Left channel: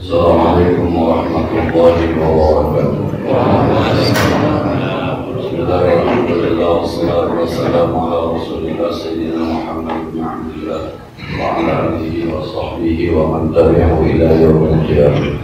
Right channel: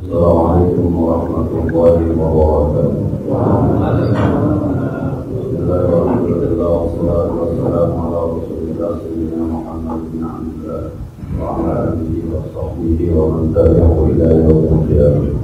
Assalamualaikum warahmatullahi wabarakatuh. Bismillahirrahmanirrahim. Wassalatu wassalamu ala Rasulillah Sayyidina Muhammad bin Abdillah wa ala alihi wa sahbihi wa man tabi'ahu ila yaumil qiyamah.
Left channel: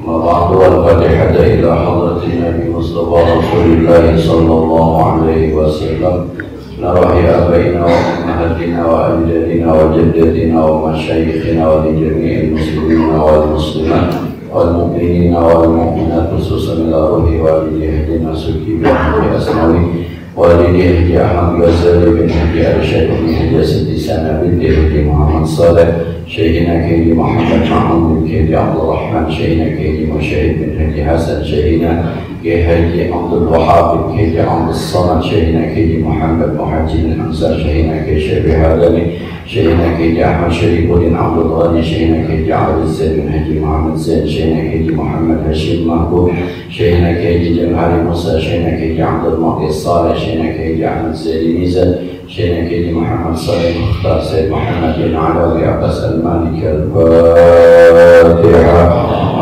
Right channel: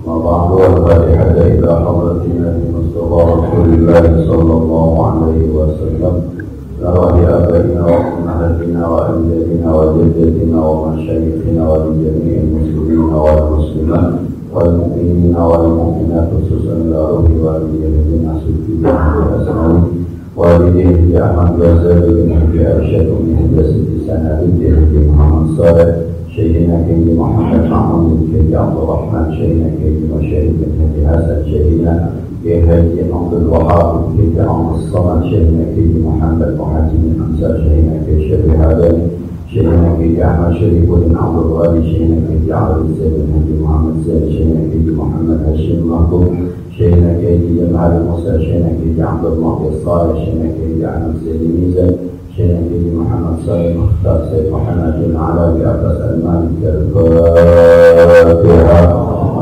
Ma ba'du al-fatihata ila hadratin Nabi Mustafa Rasulillah sallallahu alaihi wasallam. Narahi abaina wa ummahatina wa ajdadina wa jaddatina wa masyayikhina wa li jami'il muslimina wal muslimat wal mu'minina wal mu'minat khususan ila ruhi walidayhi nasuki bin Haji Asnawi walidayhi Ahmad Ghazali bin Haji Arsyad bin Haji Siti Sana bin Haji Muhammad Saleh Syekhina Haji Muhammad Mahmud bin Haji Abdul Rahman Syekhina Haji Musyahid bin Haji Hasan Syekhina Haji Abdul Wahab bin Haji Abdul Samad Syekhina Haji Muhammad Muhajir bin Ansar Syekhina Haji Syekh Hadani Syekhina Haji Ahmad Syarifuddin Abdul Ghani Syekhina Haji Abdul Zaid bin Haji Muhammad Zaid Syekhina Haji Muhammad Hashim Mahbub Syekhina Haji Jamhari Musa Syekhina Haji Abdul Muqis Saleh Syekhina Haji Ahmad Zaid Mizan Syekhina Haji Muhammad Saleh Mukhtar Said Muhammad bin Alawi Abbas Al-Maliki Al-Fatiha.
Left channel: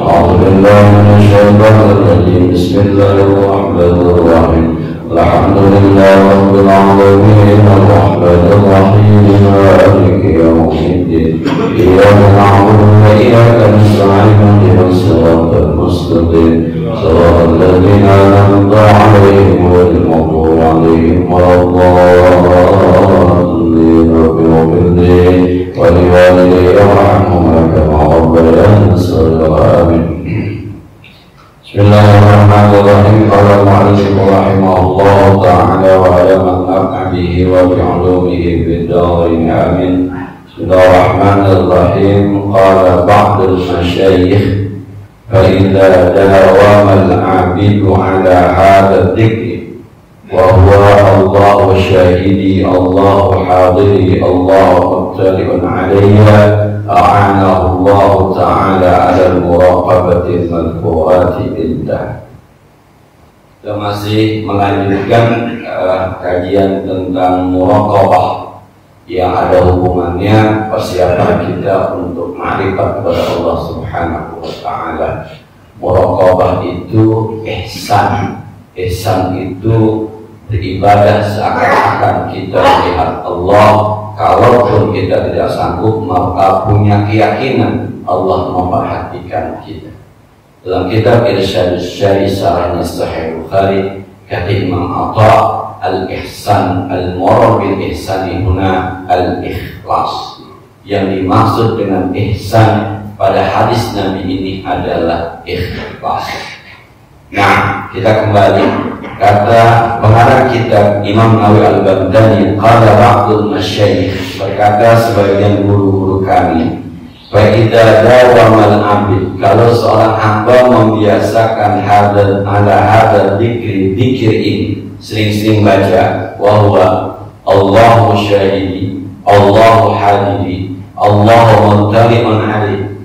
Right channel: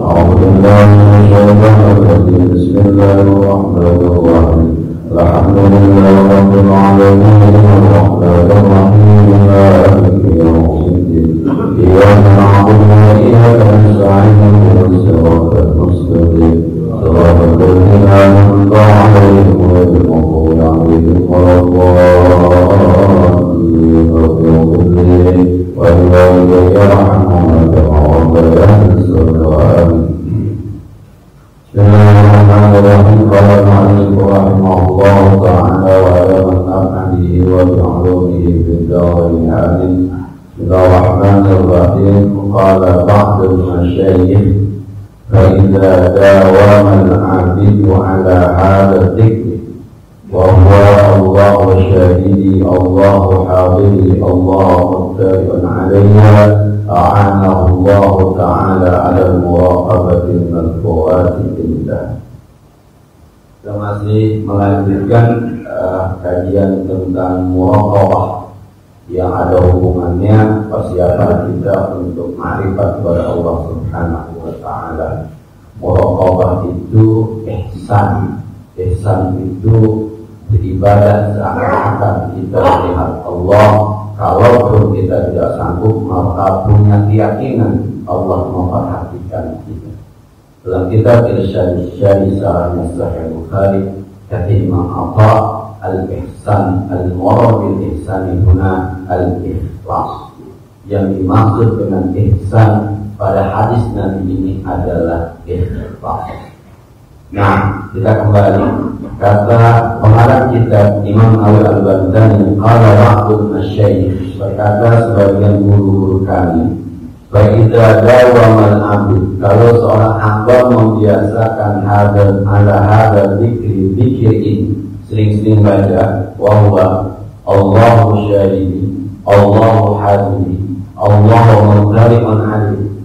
أعوذ بالله من الشيطان الرجيم بسم الله الرحمن الرحيم الحمد لله رب العالمين الرحمن الرحيم مالك يوم الدين إياك نعبد وإياك نستعين اهدنا الصراط المستقيم صراط الذين أنعمت عليهم غير المغضوب عليهم ولا الضالين رب اغفر لي ولوالدي وارحمهما كما ربياني صغيرا آمين. Bismillahirrahmanirrahim. Qala al-mu'allif rahimahullah ta'ala wa ala man naf'a bihi wa bi'ulumihi fid dharain amin. Bismillahirrahmanirrahim. Qala ba'dul masyayikh fa idza dawama al-'abidu 'ala hadha adh-dhikri wa huwa Allahu syahidi Allahu hadiri Allahu muttali'un 'alayya a'anahu Allah ta'ala 'ala al-muraqabati al-madhkurati indah. Kita masih melanjutkan kajian tentang muraqabah yang ada hubungannya persiapan kita untuk ma'rifat kepada Allah Subhanahu wa ta'ala. Muraqabah itu ihsan. Ihsan itu beribadah seakan-akan kita melihat Allah. Kalaupun kita tidak sanggup, maka punya keyakinan Allah memperhatikan kita. Dalam kitab Irsyadus Syari Sarahnya Sahih Bukhari, kata Imam Atha, al-ihsan al-murad bil ihsani huna al-ikhlas. Yang dimaksud dengan ihsan pada hadis Nabi ini adalah ikhlas. Nah, kita kembali. Kata pengarang kitab Imam Nawawi Al-Baghdadi, qala ba'dul masyayikh, berkata sebagian guru-guru kami, fa idza dawamal 'abd, kalau seorang hamba membiasakan hadal ala hadal dzikri, dzikir ini sering-sering baca, wa huwa Allahu syahidi Allahu hadiri Allahu muttali'un 'alaihi.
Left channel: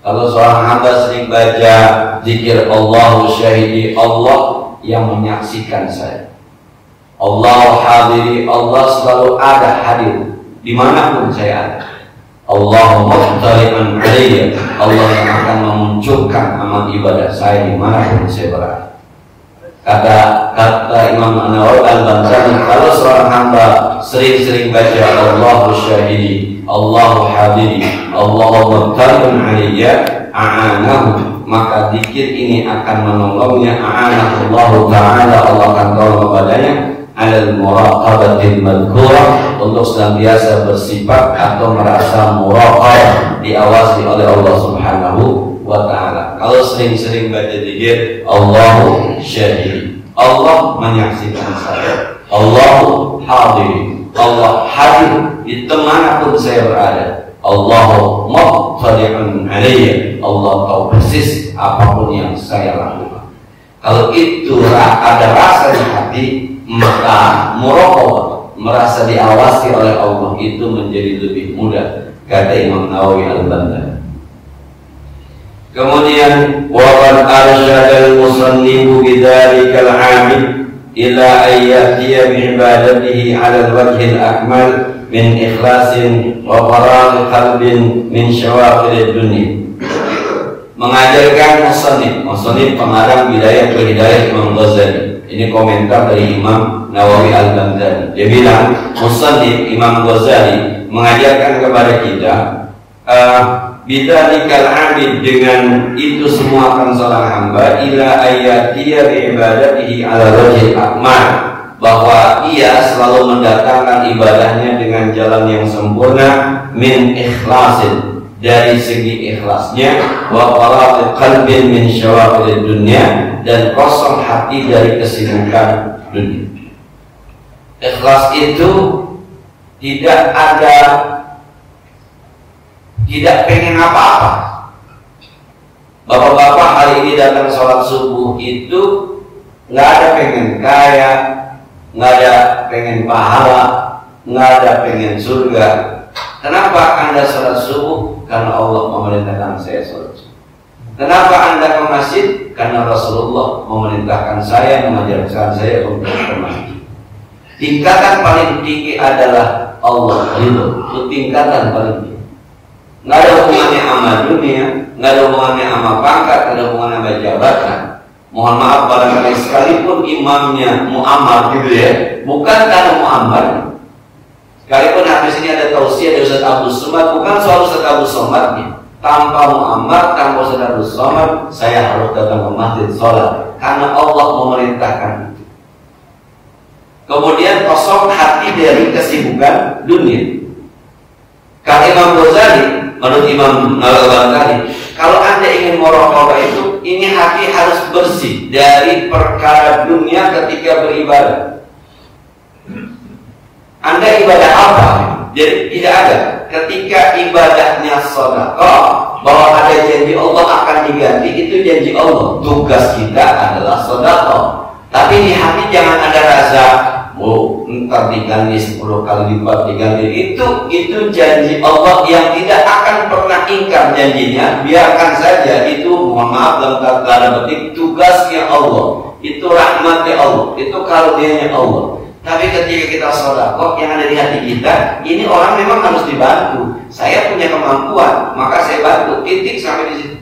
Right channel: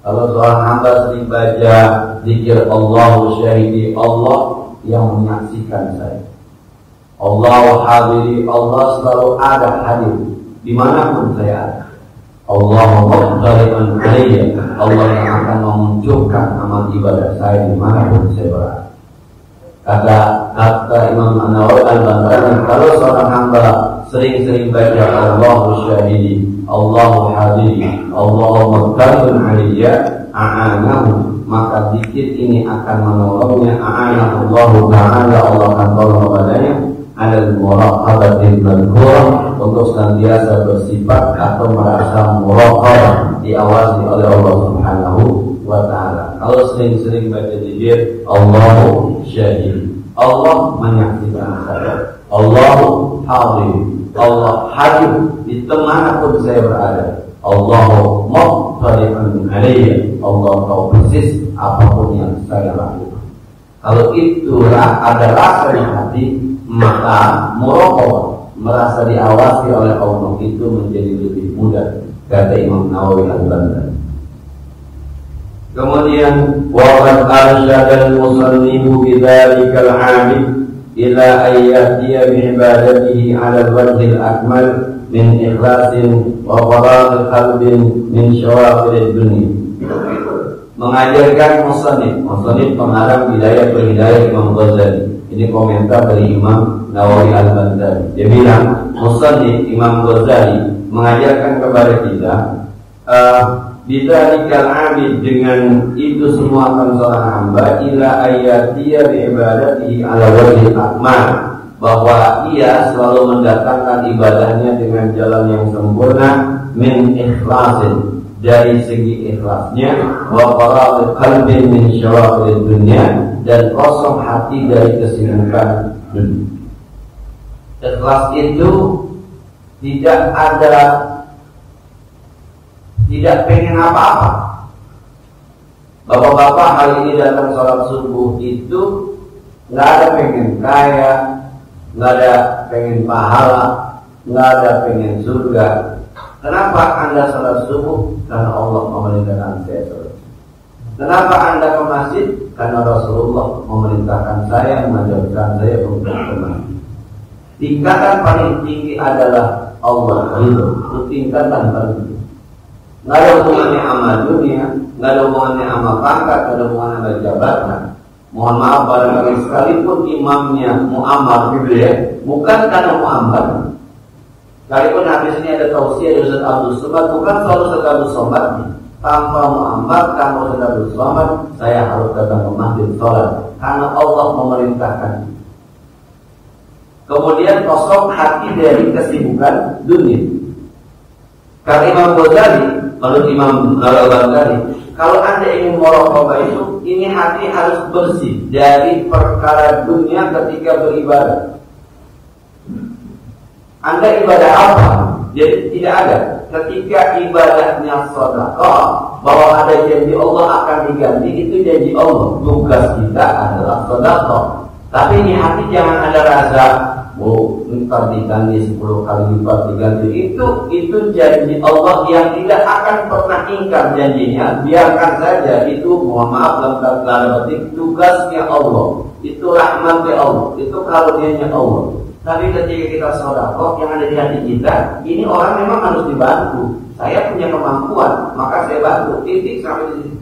Kalau seorang hamba sering baca zikir Allahu syahidi, Allah yang menyaksikan saya, Allah hadiri, Allah selalu ada hadir dimanapun saya ada, Allah muttali'un 'alayya, Allah yang akan memunculkan amal ibadah saya dimanapun saya berada. Kata Imam Nawawi Al-Baghdadi, kalau seorang hamba sering-sering baca Allahu syahidi Allahu hadiri Allahu muttali'un 'alayya a'anahu, maka zikir ini akan menolongnya, a'anahu ta'ala, Allah akan tolong kepadanya, alal muraqabatil madhkurah, untuk senantiasa bersifat atau merasa muraqabah, diawasi oleh Allah Subhanahu wa ta'ala. Kalau sering-sering baca zikir Allahu syahidi, Allah menyaksikan saya, Allahu hadiri, Allah hadir di manapun saya berada, Allahu muttali'un 'alayya, Allah tahu persis apapun yang saya lakukan. Kalau itu ada rasa di hati, maka muraqabah, merasa diawasi oleh Allah, itu menjadi lebih mudah, kata Imam Nawawi Al-Baghdadi. Kemudian wa qad arsyada al-musannifu bidzalika al-'abid ila an ya'tiya bi ibadatihi 'ala al-wajhi al-akmal min ikhlasin wa faragh qalbin min syawaqil dunya. mengajarkan musannif pengarang Bidayah wa Hidayah Imam Ghazali. Ini komentar dari Imam Nawawi Al-Baghdadi. Dia bilang musannif Imam Ghazali mengajarkan kepada kita bidzalikal abid, dengan itu semua akan seorang hamba ila ayatiya bi ibadatihi ala wajhil akmal, bahwa ia selalu mendatangkan ibadahnya dengan jalan yang sempurna, min ikhlasin, dari segi ikhlasnya, wa faragh qalbin min syawaghilid dunya, dan kosong hati dari kesibukan dunia. Ikhlas itu tidak pengen apa-apa. Bapak-bapak hari ini datang sholat subuh itu nggak ada pengen kaya, nggak ada pengen pahala, nggak ada pengen surga. Kenapa Anda sholat subuh? Karena Allah memerintahkan saya sholat subuh. Kenapa Anda ke masjid? Karena Rasulullah memerintahkan saya, mengajarkan saya untuk ke masjid. Tingkatan paling tinggi adalah Allah ridho. Itu tingkatan paling tinggi. Nggak ada hubungannya sama dunia, nggak ada hubungannya sama pangkat, nggak ada hubungannya sama jabatan. Mohon maaf barangkali sekalipun imamnya mu'ammar gitu ya, bukan karena mu'ammar. Sekalipun habis ini ada tausiah dari Ustaz Abdul Somad, bukan soal Ustaz Abdul Somadnya. Tanpa mu'ammar, tanpa Ustaz Abdul Somad, saya harus datang ke masjid sholat, karena Allah memerintahkan itu. Kemudian kosong hati dari kesibukan dunia. Kata Imam Ghazali, menurut Imam Nawawi, kalau Anda ingin muraqabah itu, ini hati harus bersih dari perkara dunia ketika beribadah. Anda ibadah apa? Jadi tidak ada. Ketika ibadahnya sedekah, bahwa ada janji Allah akan diganti, itu janji Allah. Tugas kita adalah sedekah. Tapi di hati jangan ada rasa, ntar diganti 10 kali lipat diganti. Itu janji Allah yang tidak akan pernah ingkar janjinya. Biarkan saja, itu mohon maaf dalam tanda petik tugasnya Allah. Itu rahmatnya Allah. Itu karunia-Nya Allah. Tapi ketika kita sedekah, yang ada di hati kita, ini orang memang harus dibantu. Saya punya kemampuan, maka saya bantu. Titik sampai di situ.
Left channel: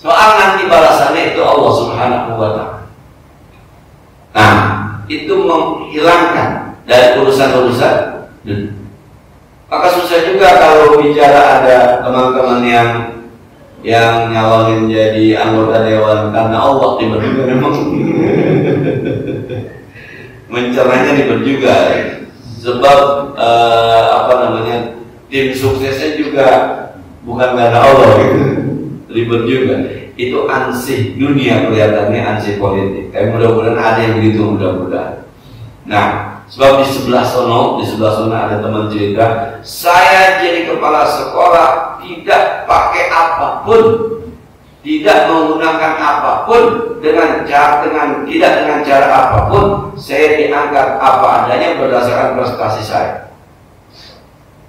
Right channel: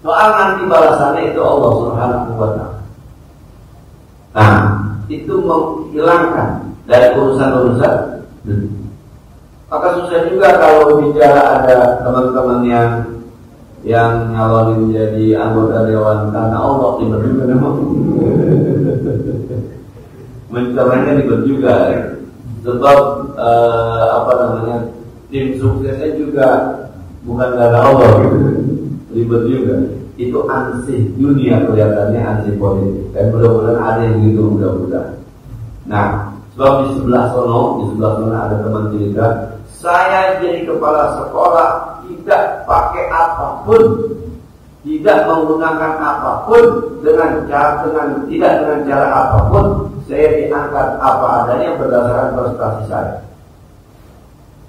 Soal nanti balasannya itu Allah Subhanahu wa Ta'ala. Nah, itu menghilangkan dari urusan-urusan dunia. Maka susah juga kalau bicara ada teman-teman yang nyalonin jadi anggota dewan karena Allah, tiba-tiba memang mencerahnya ribet juga, sebab tim suksesnya juga bukan karena Allah gitu, ribet juga. Itu ansih dunia, kelihatannya ansih politik. Tapi mudah-mudahan ada yang begitu, mudah-mudahan. Nah, sebab di sebelah sono ada teman cerita, saya jadi kepala sekolah tidak pakai apapun, tidak menggunakan apapun, tidak dengan cara apapun, saya diangkat apa adanya berdasarkan prestasi saya,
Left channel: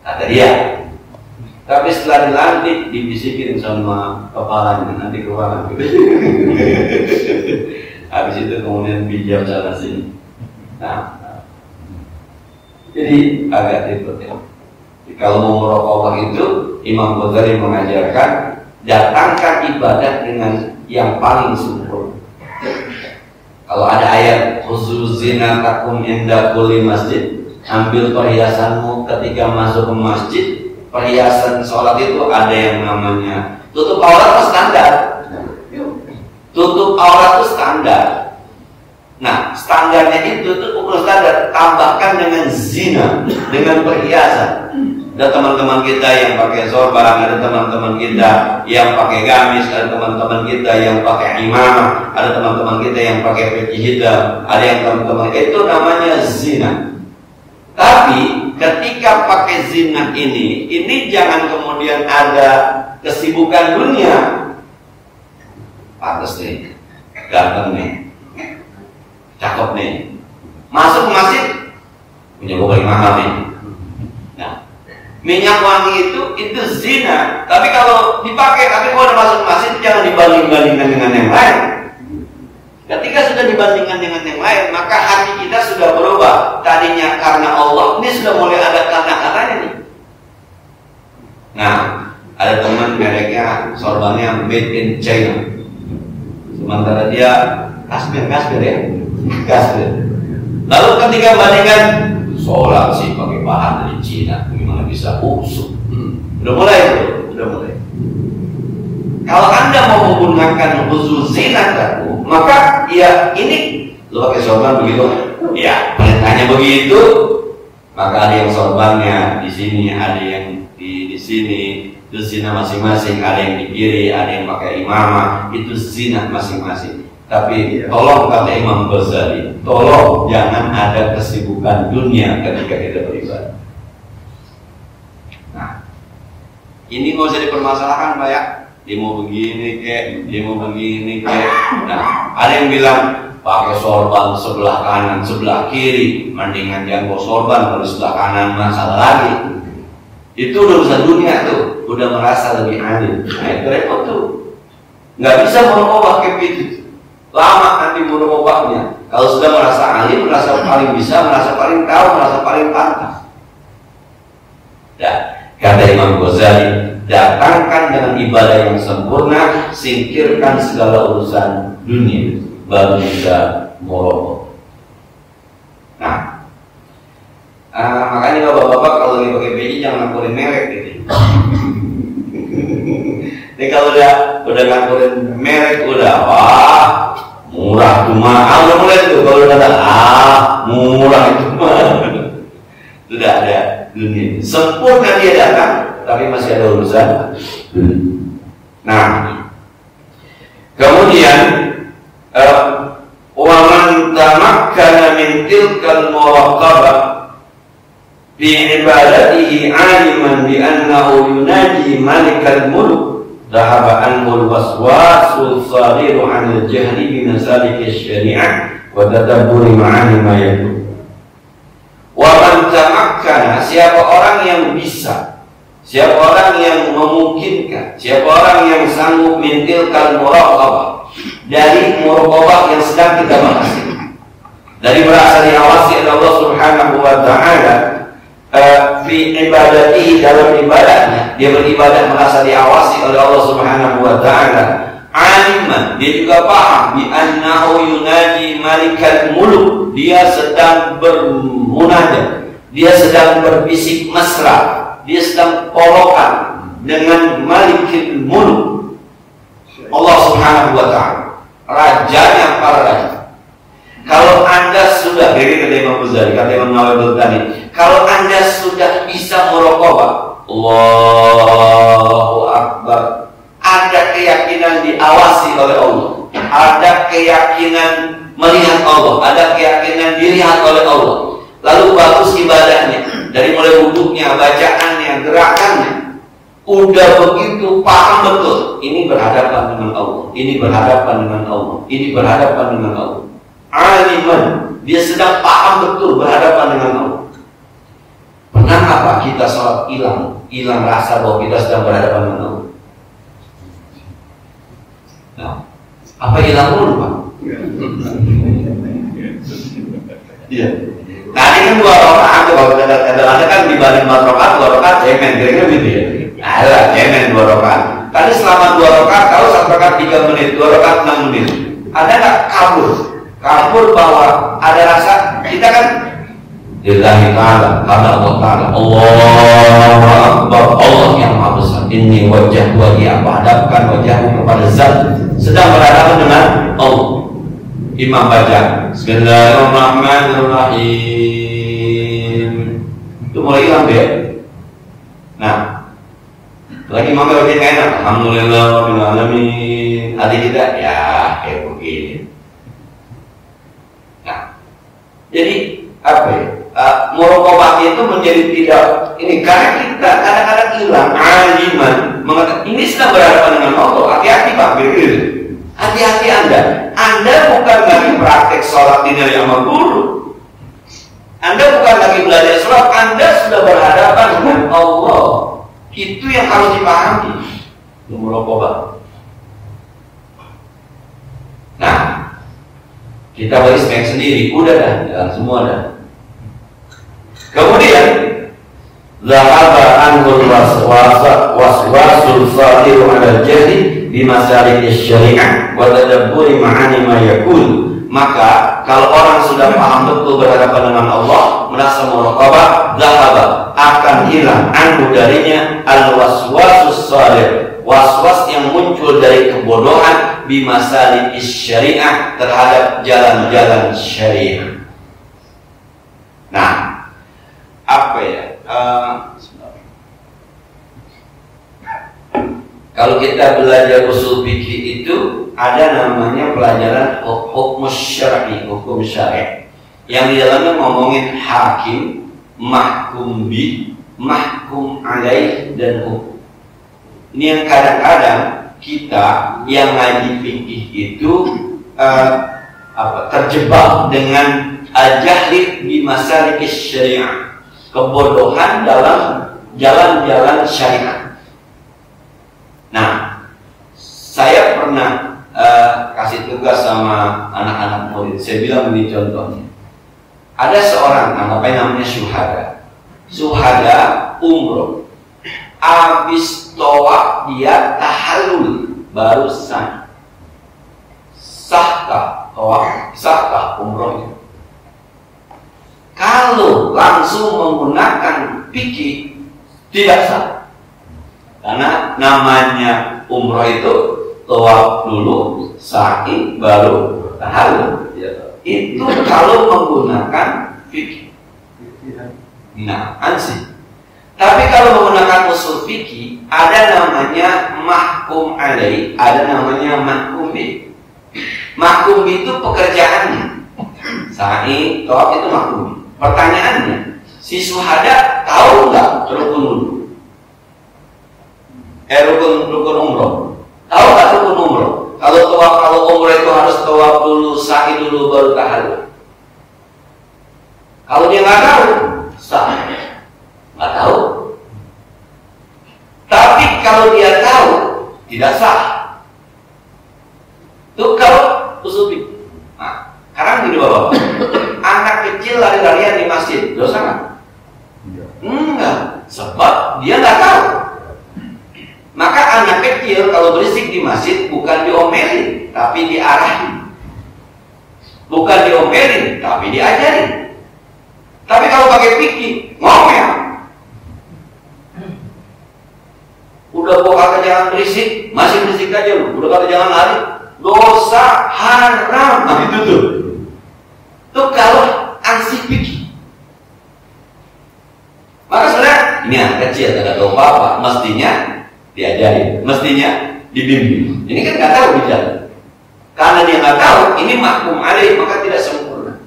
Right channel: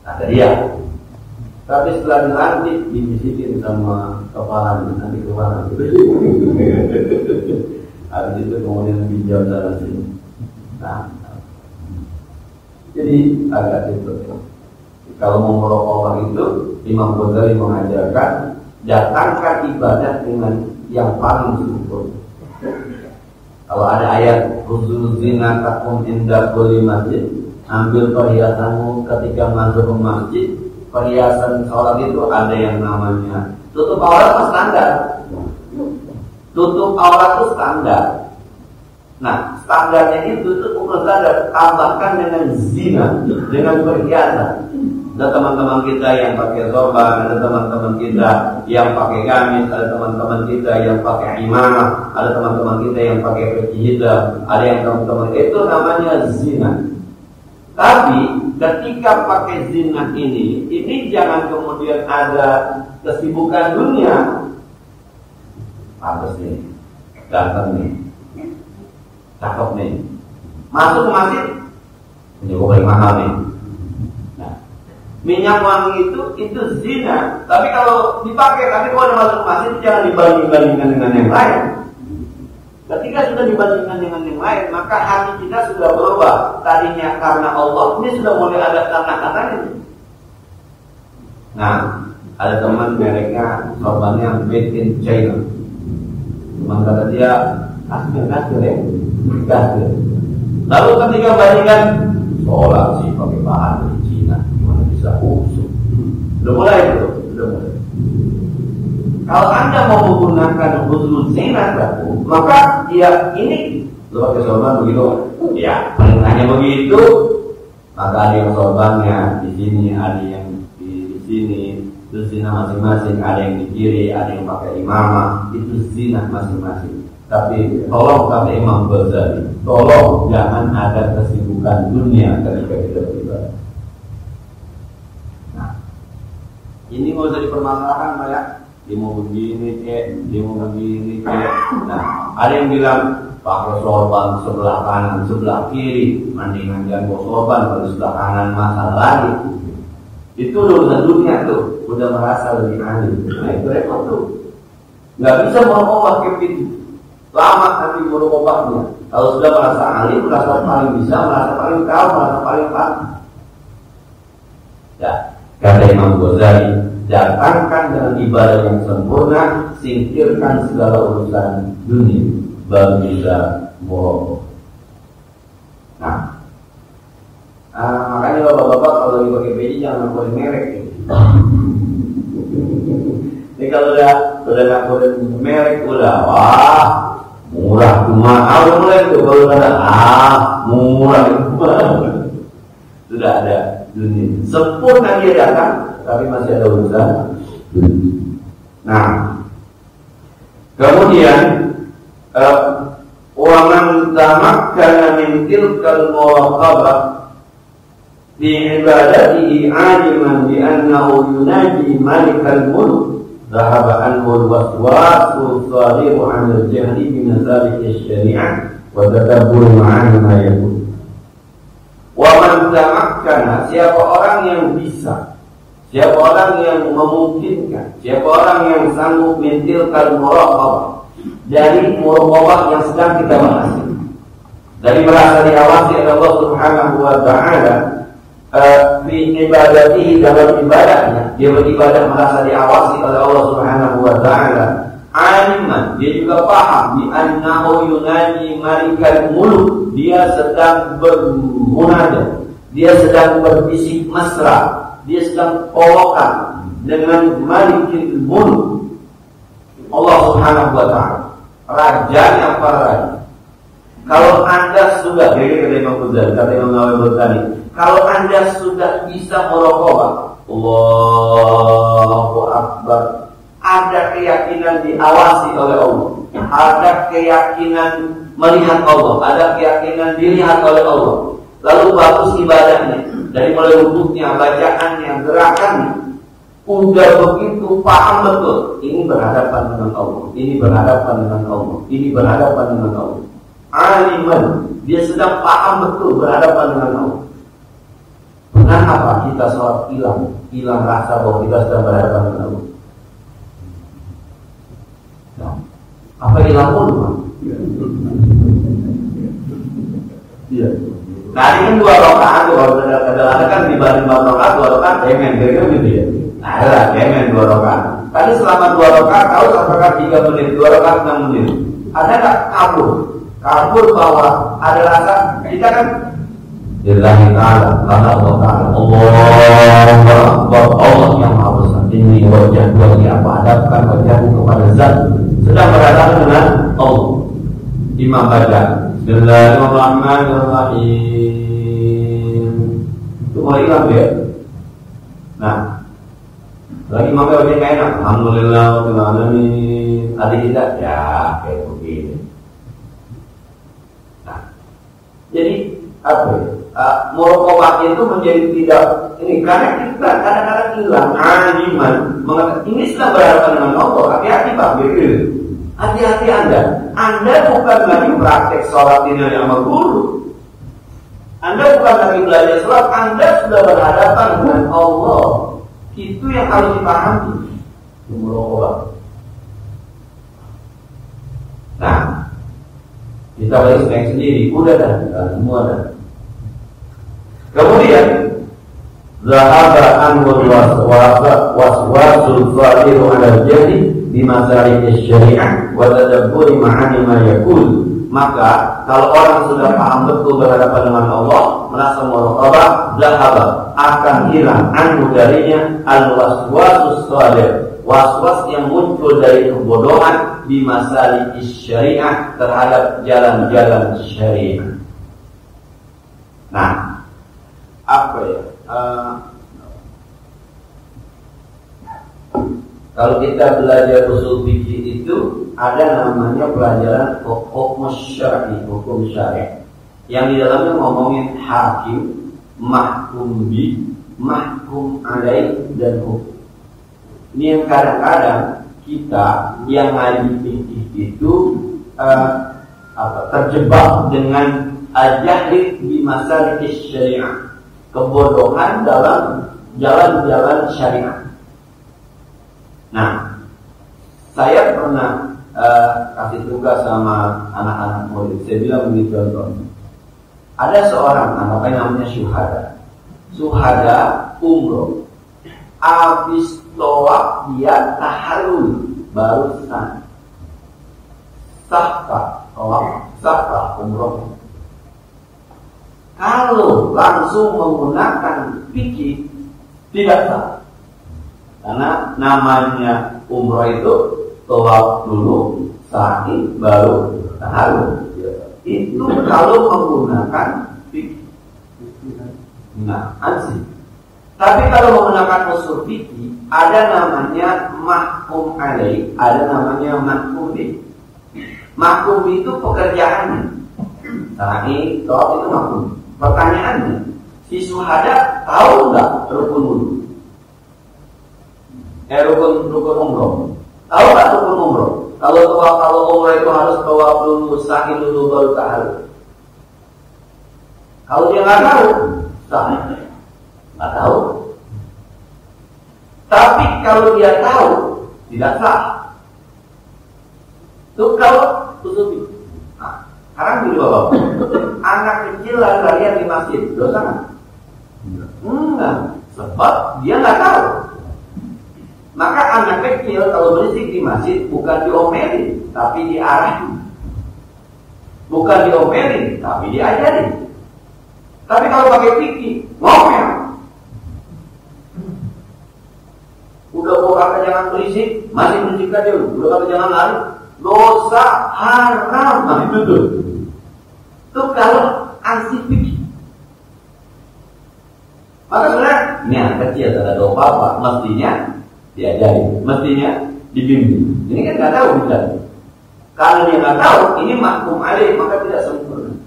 kata dia. Tapi setelah dilantik, dibisikin sama kepalanya, nanti kepala gitu. Habis itu kemudian pinjam sana sini. Nah, jadi agak ribet ya. Kalau mau muraqabah itu, Imam Ghazali mengajarkan, datangkan ibadah dengan yang paling sempurna. Kalau ada ayat khusus zinatakum inda kulli masjid, ambil perhiasanmu ketika masuk ke masjid. Perhiasan sholat itu ada yang namanya tutup aurat itu standar. Tutup aurat itu standar. Nah, standarnya itu ukur standar. Tambahkan dengan zina, dengan perhiasan. Ada teman-teman kita yang pakai sorban, ada teman-teman kita yang pakai gamis, ada teman-teman kita yang pakai imamah, ada teman-teman kita yang pakai peci hitam, ada yang teman-teman itu namanya zina. Tapi ketika pakai zina ini jangan kemudian ada kesibukan dunia. Pantes nih, ganteng nih, cakep nih, masuk ke masjid punya mobil mahal nih. Nah, minyak wangi itu zina. Tapi kalau dipakai, tapi kalau udah masuk ke masjid jangan dibanding-bandingkan dengan yang lain. Ketika sudah dibandingkan dengan yang lain, maka hati kita sudah berubah. Tadinya karena Allah, ini sudah mulai ada karena-karenanya nih. Nah, Ada teman mereknya sorbannya made in China, sementara dia Kashmir ya, Kashmir. Lalu ketika bandingkan sholat sih pakai bahan dari Cina, gimana bisa usuk? Udah mulai tuh, udah mulai. Kalau Anda mau menggunakan khusus zinat laku, maka ya ini lo pakai sorban begitu, ya perintahnya begitu. Maka ada yang sorbannya di sini, ada yang di sini, itu zina masing-masing. Ada yang di kiri, ada yang pakai imamah, itu zina masing-masing. Tapi tolong kata Imam Ghazali, tolong jangan ada kesibukan dunia ketika kita beribadah. Nah, ini nggak usah dipermasalahkan, Pak ya. Dia mau begini kek, dia mau begini kek. Nah, ada yang bilang pakai sorban sebelah kanan, sebelah kiri, mendingan jangan bawa sorban kalau sebelah kanan masalah lagi. Itu udah urusan dunia tuh, udah merasa lebih adil. Nah itu repot tuh, nggak bisa merubah kayak itu. Lama nanti merubahnya. Kalau sudah merasa alim, merasa paling bisa, merasa paling tahu, merasa paling pantas. Ya, kata Imam Ghazali, datangkan dengan ibadah yang sempurna, singkirkan segala urusan dunia, baru bisa merubah. Nah, makanya bapak-bapak kalau lagi pakai baju jangan ngakurin merek gitu. Ini kalau udah ngakurin merek udah wah murah tuh mahal, udah mulai tuh kalau udah murah itu mahal. Sudah ada dunia sempurna dia datang, tapi masih ada urusan. Nah, kemudian wa man tamakkana min tilkal muraqabah fi ibadatihi aliman bi annahu yunaji malikal mulk dhahaba anhu al-waswasul sadiru 'an al-jahli bi masalik asy-syari'ah wa tadabburi ma'ani ma yaqul. Wa man tamakkana, siapa orang yang bisa, siapa orang yang memungkinkan, siapa orang yang sanggup min tilkal muraqabah, dari muraqabah yang sedang kita bahas, dari merasa diawasi oleh Allah Subhanahu wa taala fi ibadatihi, dalam ibadahnya dia beribadah merasa diawasi oleh Allah Subhanahu wa taala. Aliman, dia juga paham bi annahu yunaji malikal muluk, dia sedang bermunajat, dia sedang berbisik mesra, dia sedang polokan dengan malikil muluk, Allah Subhanahu wa taala, rajanya para raja. Kalau Anda sudah, kata Imam Ghazali, kata Imam Nawawi tadi, kalau Anda sudah bisa muraqabah, Allahu Akbar, ada keyakinan diawasi oleh Allah, ada keyakinan melihat Allah, ada keyakinan dilihat oleh Allah, lalu bagus ibadahnya, dari mulai wudhunya, bacaannya, gerakannya, udah begitu paham betul, ini berhadapan dengan Allah, ini berhadapan dengan Allah, ini berhadapan dengan Allah. Aliman, dia sedang paham betul berhadapan dengan Allah. Pernah apa kita sholat hilang rasa bahwa kita sedang berhadapan dengan Allah? Nah, apa hilang dulu, Pak? Iya. Tadi kan 2 rakaat, kalau ada kan dibanding 4 rakaat, 2 rakaat cemen, kira-kira gitu ya. Ada cemen 2 rakaat. Tadi selama 2 rakaat, tahu 1 rakaat 3 menit, 2 rakaat 6 menit. Ada nggak kabur bahwa ada rasa kita kan lillahi ta'ala, karena Allah ta'ala, Allahu Akbar, Allah yang maha besar. Inni wajah wajah, aku hadapkan wajahku kepada zat, sedang berhadapan dengan Allah. Imam baca Bismillahirrahmanirrahim, itu mulai hilang dia. Nah, lagi imamnya baca kayak enak, alhamdulillah rabbil alamin. Hati kita ya kayak begini. Jadi apa ya? Muraqabah itu menjadi tidak ini karena kita kadang-kadang hilang aliman mengatakan ini sedang berhadapan dengan Allah. Hati-hati Pak, gitu. Hati-hati Anda bukan lagi praktek sholat di dari amal guru. Anda bukan lagi belajar sholat, Anda sudah berhadapan dengan Allah. Itu yang harus dipahami. Muraqabah. Nah, kita beri spek sendiri, udah dah, jalan semua dah. Kemudian Zahaba anhul waswasul sadiru ala jahli bimasalik syariah wa tadabburi ma'ani ma yakul. Maka kalau orang sudah paham betul berhadapan dengan Allah, merasa muraqabah, zahaba akan hilang anhu darinya al-waswasus sadir, waswas yang muncul dari kebodohan bimasalik syariah terhadap jalan-jalan syariah. Nah, apa ya? Kalau kita belajar usul fikih itu ada namanya pelajaran hukum syar'i, hukum syariah, yang di dalamnya ngomongin hakim, mahkum bi, mahkum alaih, dan hukum. Ini yang kadang-kadang kita yang ngaji fikih itu terjebak dengan jahli di masalik syariah, kebodohan dalam jalan-jalan syariat. Nah, saya pernah kasih tugas sama anak-anak murid. Saya bilang begini contohnya. Ada seorang, namanya syuhada. Syuhada umroh. Habis tawaf dia tahallul, baru sah. Sahkah tawaf? Sahkah umrohnya? Kalau langsung menggunakan fikih tidak sah. Karena namanya umroh itu tawaf dulu, sa'i, baru tahallul. Itu kalau menggunakan fikih. Nah, ansih. Tapi kalau menggunakan usul fikih, ada namanya mahkum alaih, ada namanya mahkum bi. Mahkum bi itu pekerjaannya. Sa'i, tawaf itu mahkum bi. Pertanyaannya, si syuhada tahu nggak rukun wudhu? Rukun umroh. Tahu nggak rukun umroh? Kalau umroh itu harus tawaf dulu, sa'i dulu, baru tahallul. Kalau dia nggak tahu, sah. Nggak tahu. Tapi kalau dia tahu, tidak sah. Itu kalau usul fikih. Nah, sekarang gini bapak-bapak, anak kecil lari-larian di masjid, dosa nggak? Enggak, sebab dia nggak tahu. Maka anak kecil kalau berisik di masjid bukan diomelin, tapi diarahin. Bukan diomelin, tapi diajarin. Tapi kalau pakai fikih, ngomel. Udah gua kata jangan berisik, masih berisik aja lu. Udah kata jangan lari, dosa haram. Nah itu tuh. Tuh kalau ansih fikih. Maka sebenarnya ini anak kecil, tidak tahu apa-apa, mestinya diajari, mestinya dibimbing. Ini kan nggak tahu bicara. Karena dia nggak tahu, ini mahkum alaih, maka tidak sempurna.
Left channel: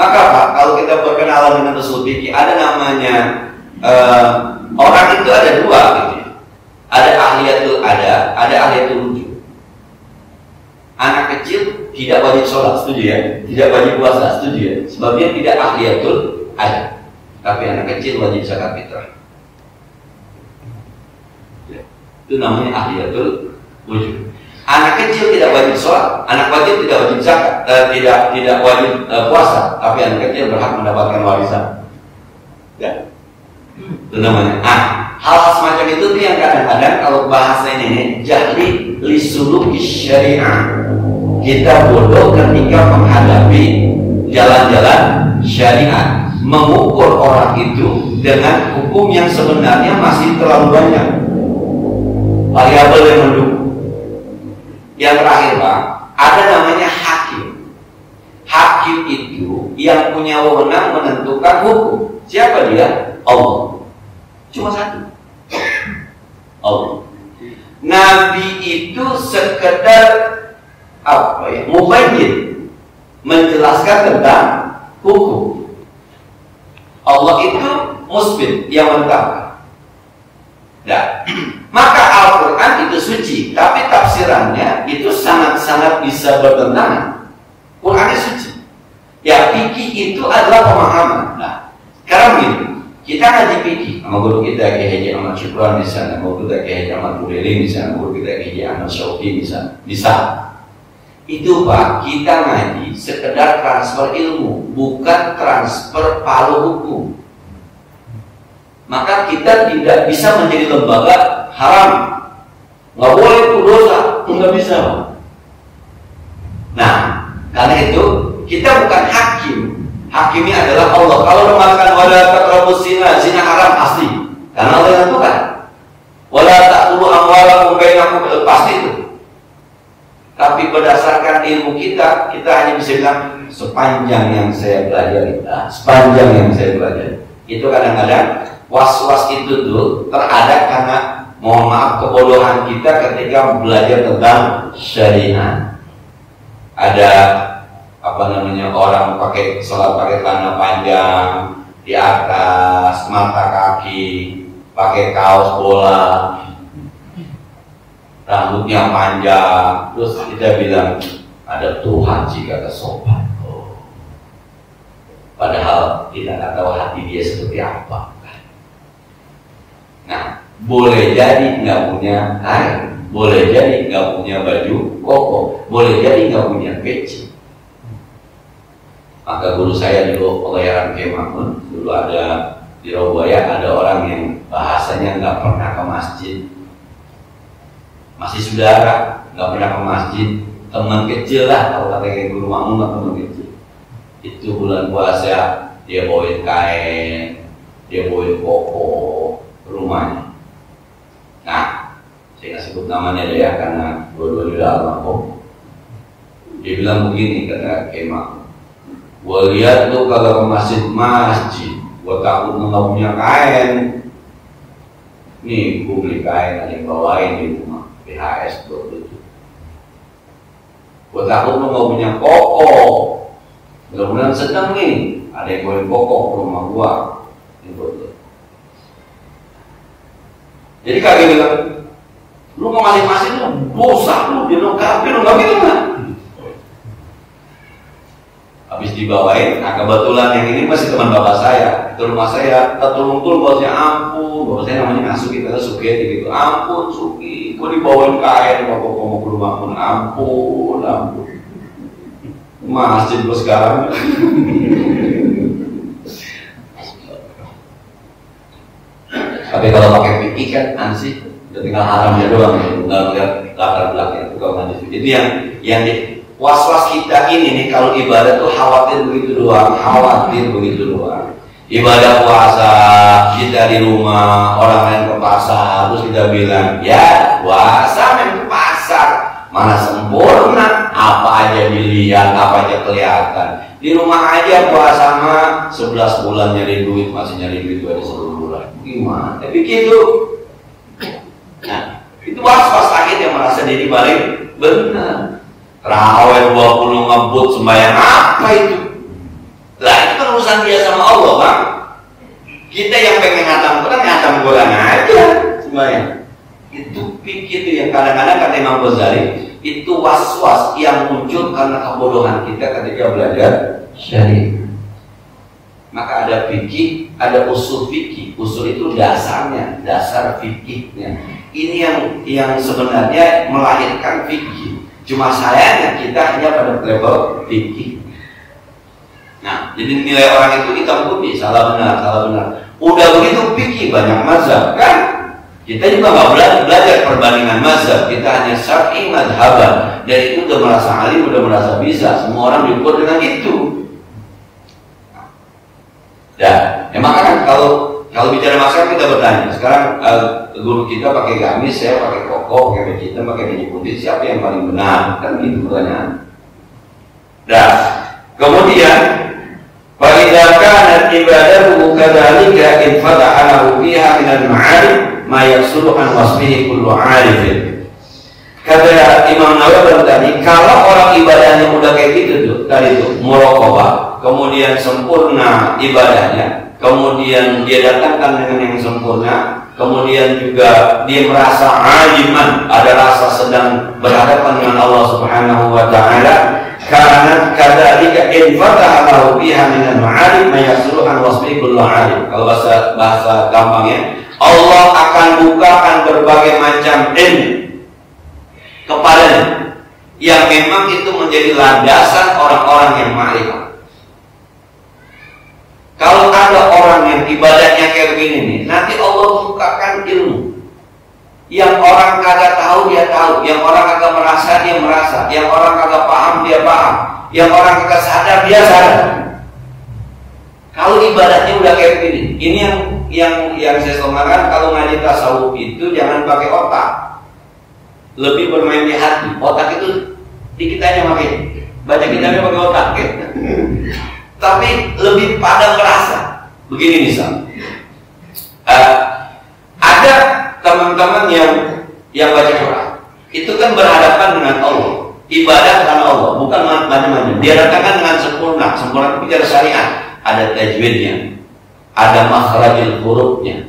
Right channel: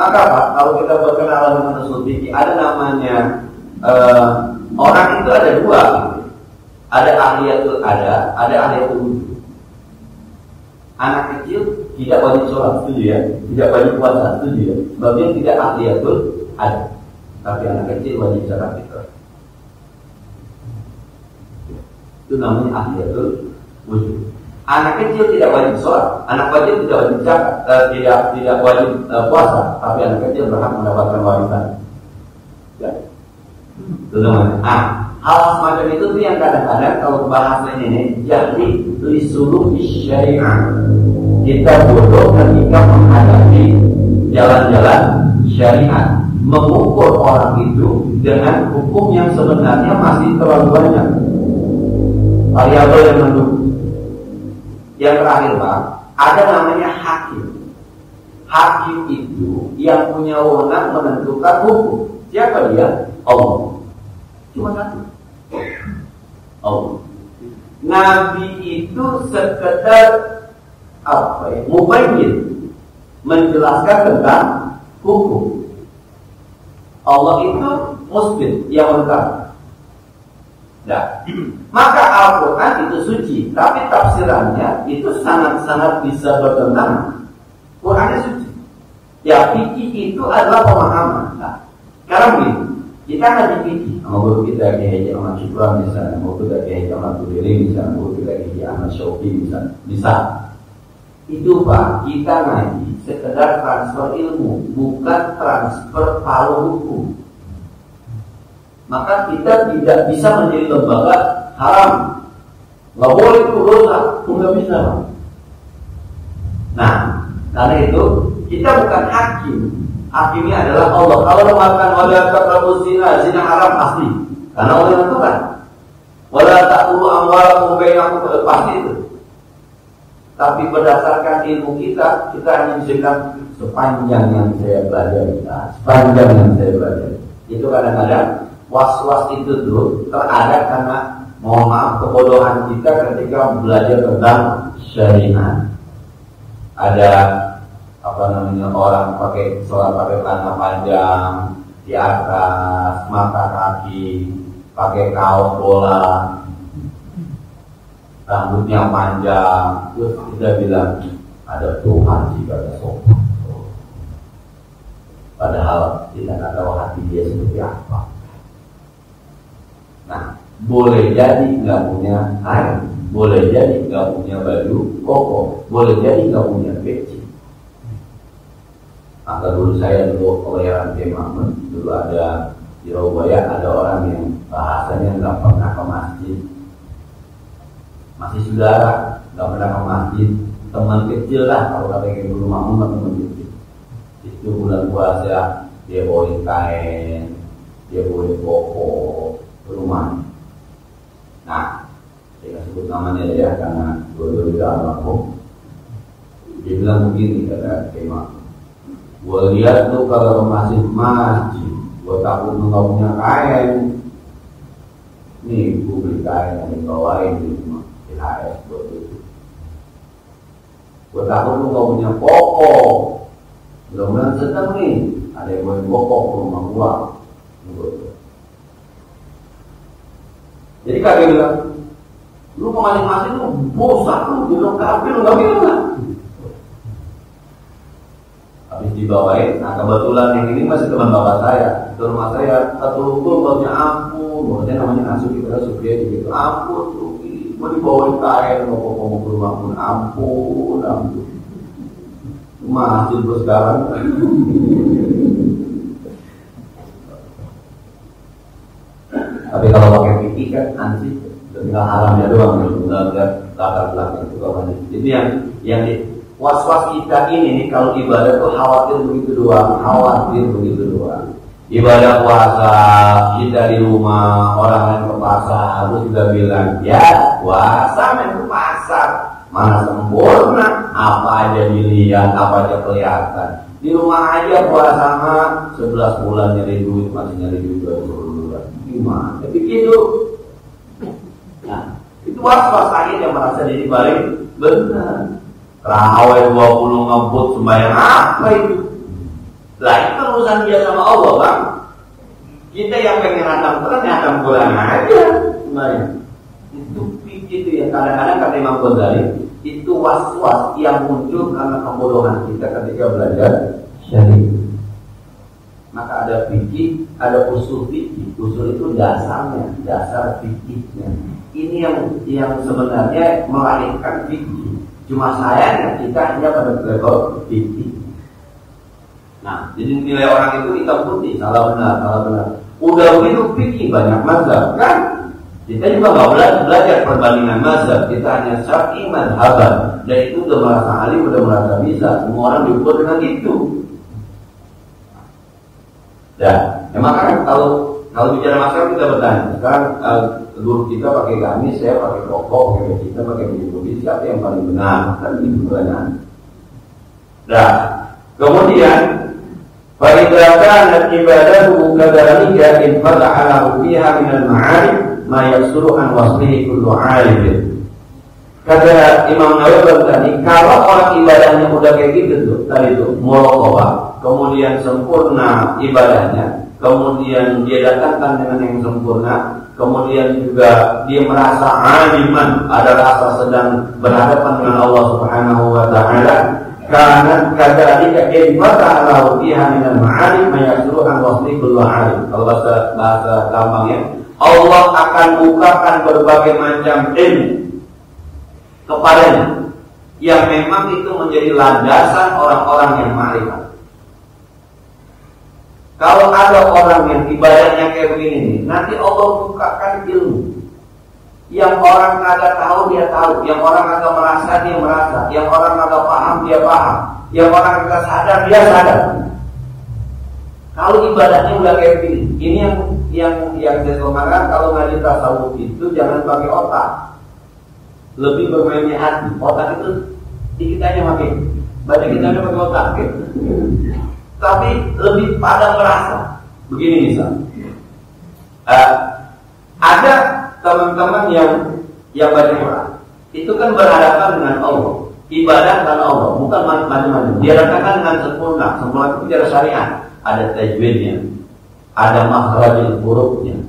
Maka Pak, kalau kita berkenalan dengan usul fikih, ada namanya orang itu ada dua gitu. Ada ahliyatul ada ahliyatul wujud. Anak kecil tidak wajib sholat, setuju ya? Tidak wajib puasa, setuju ya? Sebabnya tidak ahliyatul ada. Tapi anak kecil wajib zakat fitrah. Itu namanya ahliyatul wujud. Anak kecil tidak wajib sholat, anak wajib tidak wajib zakat, tidak wajib puasa, tapi anak kecil berhak mendapatkan warisan. Ya, itu namanya. Hal semacam itu tuh yang kadang-kadang kalau bahasa ini jahli lisuluki syariah. Kita bodoh ketika menghadapi jalan-jalan syariat, mengukur orang itu dengan hukum yang sebenarnya masih terlalu banyak variabel yang mendukung. Yang terakhir Pak, ada namanya hakim. Hakim itu yang punya wewenang menentukan hukum. Siapa dia? Allah. Cuma satu, Allah. Nabi itu sekedar apa ya? Mubayyin, menjelaskan tentang hukum. Allah itu musbit, yang menetapkan. Nah, maka Al-Quran itu suci, tapi tafsirannya itu sangat-sangat bisa bertentangan. Qurannya suci. Ya, fikih itu adalah pemahaman. Nah, sekarang begini, kita ngaji fikih sama guru kita Kiai Haji Ahmad Syukran misalnya, guru kita Kiai Haji Ahmad Bureli misalnya, guru kita Kiai Haji Ahmad Syauqi misalnya, bisa. Itu Pak, kita ngaji sekedar transfer ilmu, bukan transfer palu hukum. maka kita tidak bisa menjadi lembaga haram. Nggak boleh itu dosa, nggak bisa. Nah, karena itu kita bukan hakim. Hakimnya adalah Allah. Kalau mengatakan wala taqrabuz zina, zina haram pasti. Karena Allah yang tentukan. Wala ta'kulu amwalakum bainakum, pasti itu. Tapi berdasarkan ilmu kita hanya bisa bilang sepanjang yang saya pelajari. Nah, sepanjang yang saya pelajari. Itu kadang-kadang was-was itu tuh terada karena mohon maaf kebodohan kita ketika belajar tentang syariat. Ada orang pakai sholat pakai celana panjang di atas mata kaki, pakai kaos bola, rambutnya panjang, terus kita bilang ada Tuhan jika kesopan. Padahal kita nggak tahu hati dia seperti apa. Nah, boleh jadi nggak punya kain, boleh jadi nggak punya baju koko, boleh jadi nggak punya peci. Maka guru saya dulu Pelayaran Kemakun, dulu ada di Robaya ada orang yang bahasanya nggak pernah ke masjid, masih saudara nggak pernah ke masjid, teman kecil lah kalau kata guru Makmun teman kecil. Itu bulan puasa dia bawain kain, dia bawain koko ke rumahnya. Nah, saya nggak sebut namanya deh ya karena dua-dua udah almarhum. Dia bilang begini kata Kemak, gua lihat lu kagak ke masjid, gua takut lu nggak punya kain. Nih, gua beli kain ada yang bawain di rumah PHS buat itu. Gua takut lu nggak punya koko. Mudah-mudahan seneng nih, ada yang bawain koko ke rumah gua. Ini buat lu. Jadi kagak bilang, lu mau masing-masing lu bosan lu, dia lengkapi lu nggak gitu kan? Habis dibawain, nah kebetulan yang ini masih teman bapak saya ke rumah saya, tertulung-tulung bosnya ampun, bapak saya namanya Asuki, kita Suki gitu, ampun Suki, gua dibawain kain bapak mau ke rumah pun, ampun, masjid gua sekarang. Tapi kalau pakai fikih kan ansih, udah tinggal haramnya doang, nggak melihat latar belakangnya itu kalau hadis. Itu yang was-was kita ini nih kalau ibadah tuh khawatir begitu doang. Ibadah puasa kita di rumah, orang lain ke pasar, terus kita bilang ya puasa main ke pasar, mana sempurna, apa aja dilihat, apa aja kelihatan. Di rumah aja puasa mah 11 bulan nyari duit, masih nyari duit ada 10 bulan. Gimana? Tapi gitu. Nah, itu was-was lagi yang merasa diri paling benar. Terawih 20 ngebut sembahyang apa itu? Lah itu kan urusan dia sama Allah, Bang. Kita yang pengen ngatam Quran aja sembahyang. Itu pikir itu yang kadang-kadang kata Imam Ghazali, itu was-was yang muncul karena kebodohan kita ketika belajar syariat. Maka ada fikih, ada usul fikih. Usul itu dasarnya, dasar fikihnya. Ini yang sebenarnya melahirkan fikih. Cuma sayangnya kita hanya pada level fikih. Nah, jadi nilai orang itu hitam putih, salah benar. Udah begitu fikih banyak mazhab kan? Kita juga nggak belajar perbandingan mazhab. Kita hanya syar'i madhaban. Dan itu udah merasa alim, udah merasa bisa. Semua orang diukur dengan itu. Ya, maka kan kalau bicara mazhab kita bertanya. Sekarang guru kita pakai gamis, saya pakai koko, pakai baju hitam, pakai baju putih. Siapa yang paling benar? Kan gitu pertanyaan. Nah, kemudian فَإِذَا كَانَتْ عِبَادَتُهُ كَذَلِكَ إِنْ فَتَحَ لَهُ فِيهَا مِنَ الْمَعَارِفِ مَا يَحْصُلُ عَنْ وَصْفِهِ كُلُّ عَارِفٍ. Kata Imam Nawawi tadi, kalau orang ibadahnya udah kayak gitu tuh, tadi tuh muraqabah, kemudian sempurna ibadahnya, kemudian dia datangkan dengan yang sempurna, kemudian juga dia merasa aliman, ada rasa sedang berhadapan dengan Allah Subhanahu wa taala. Karena kadzalika in fataha lahu biha min al-ma'arif ma yasulu an wasfi kullu 'arif. Kalau bahasa gampangnya, Allah akan bukakan berbagai macam ilmu kepadanya yang memang itu menjadi landasan orang-orang yang ma'rifat. Kalau ada orang yang ibadahnya kayak begini nih, nanti Allah bukakan ilmu. Yang orang kagak tahu dia tahu, yang orang kagak merasa dia merasa, yang orang kagak paham dia paham, yang orang kagak sadar dia sadar. Kalau ibadahnya udah kayak begini, ini yang saya somakan, kalau ngaji tasawuf itu jangan pakai otak, lebih bermain di hati. Otak itu dikit aja pakai, baca kitabnya pakai otak, okay? Tapi lebih pada merasa. Begini misal, ada teman-teman yang baca Quran, itu kan berhadapan dengan Allah, ibadah karena Allah, bukan macam-macam. Dia datangkan dengan sempurna itu bicara syariat, ada tajwidnya, ada makhrajul hurufnya.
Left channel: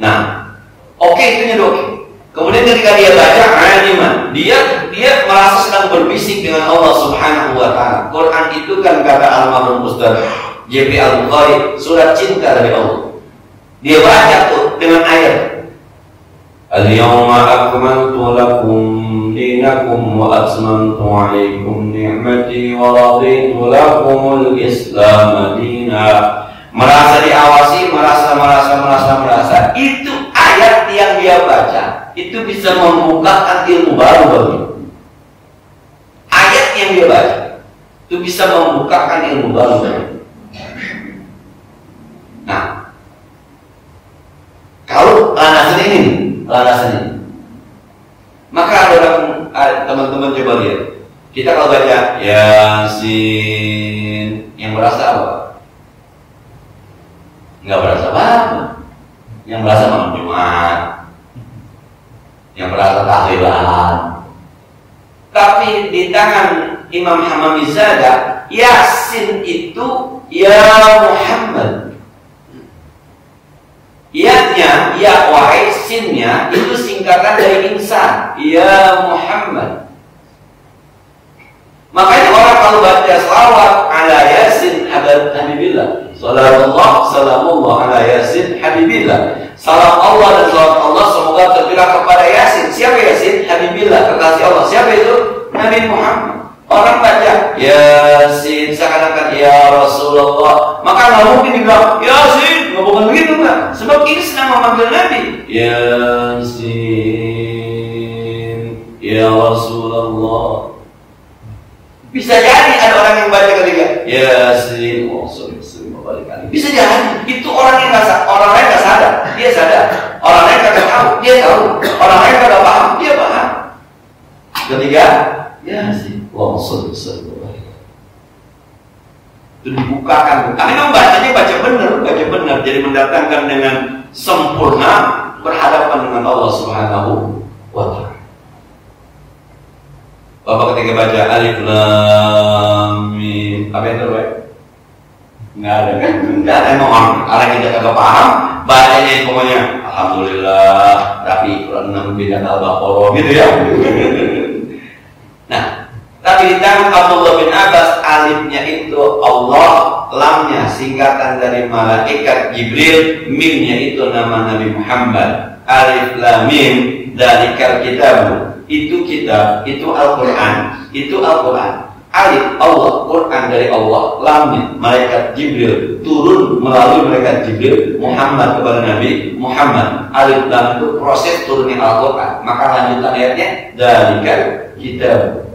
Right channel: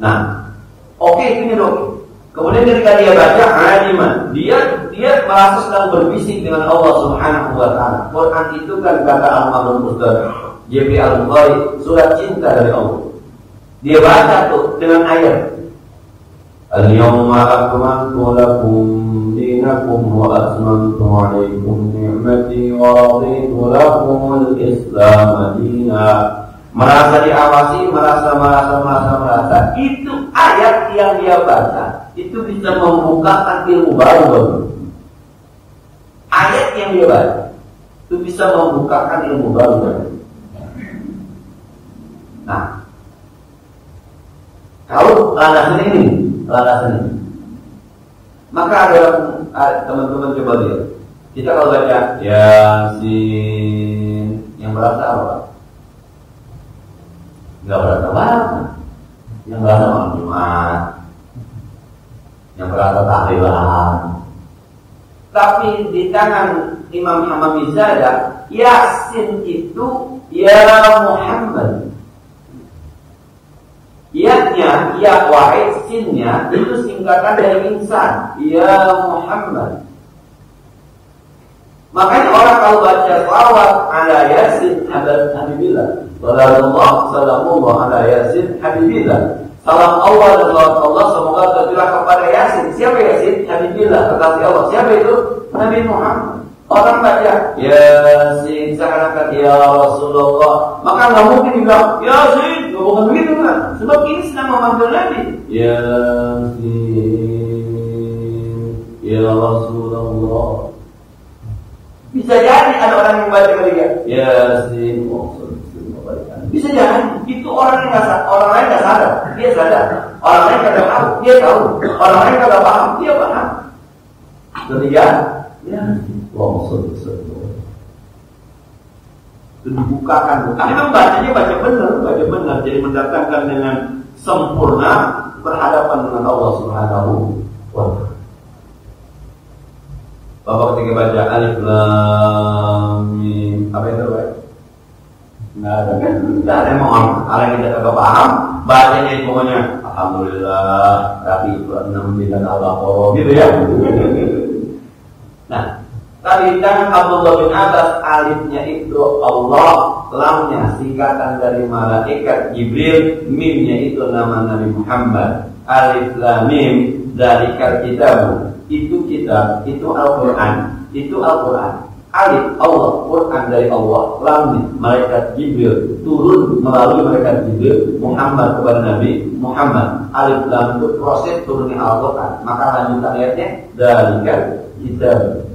Nah, oke, itu oke. Kemudian ketika dia baca aliman, dia merasa sedang berbisik dengan Allah Subhanahu wa taala. Quran itu kan kata almarhum Ustaz JP Al-Bukhari, surat cinta dari Allah. Dia baca tuh dengan ayat Al-yawma akmaltu lakum dinakum wa atmamtu alaikum ni'mati wa raditu lakumul Islam dina. Merasa diawasi, merasa. Itu ayat yang dia baca, itu bisa membukakan ilmu baru bagi. Ayat yang dia baca, itu bisa membukakan ilmu baru bagi. Nah, kalau landasan ini, maka ada teman-teman coba lihat. Kita kalau baca Yasin, yang merasa apa? Nggak berasa apa-apa. Yang berasa malam Jumat, yang berasa tahlilan. Tapi di tangan Imam Hamami Zada, Yasin itu ya Muhammad. Ya-nya, ya wahai, sinnya itu singkatan dari insan, ya Muhammad. Makanya orang kalau baca selawat ala Yasin Habibillah, salatullah salamullah ala Yasin Habibillah, salam Allah dan salawat Allah semoga tercurah kepada Yasin. Siapa Yasin? Habibillah, kekasih Allah. Siapa itu? Nabi Muhammad. Orang baca Yasin seakan-akan ya Rasulullah, maka nggak mungkin dibilang Yasin, nggak bukan begitu kan? Sebab ini sedang memanggil Nabi. Yasin, ya Rasulullah. Bisa jadi ada orang yang baca ketika Yasin, bisa jadi itu orang yang orang lain nggak sadar, dia sadar. Orang lain nggak tahu, dia tahu. Orang lain nggak paham, dia paham. Ketiga, Yasin. Itu dibukakan. Kami membacanya baca benar, jadi mendatangkan dengan sempurna berhadapan dengan Allah Subhanahu wa taala. Bapak ketika baca alif lam mim, apa yang terbaik? Nggak ada kan? Nggak ada, emang orang yang tidak paham bacanya pokoknya alhamdulillah rapi Quran 6 bidang Al-Baqarah gitu ya. Nah, tapi di tangan Abdullah bin Abbas, alifnya itu Allah, lamnya singkatan dari malaikat Jibril, mimnya itu nama Nabi Muhammad. Alif lam mim dari kitab, itu kitab, itu Al-Quran, itu Al-Quran. Alif Allah, Quran dari Allah, lamnya malaikat Jibril, turun melalui malaikat Jibril Muhammad kepada Nabi Muhammad. Alif lam itu proses turunnya Al-Quran. Maka lanjutan ayatnya dari kitab.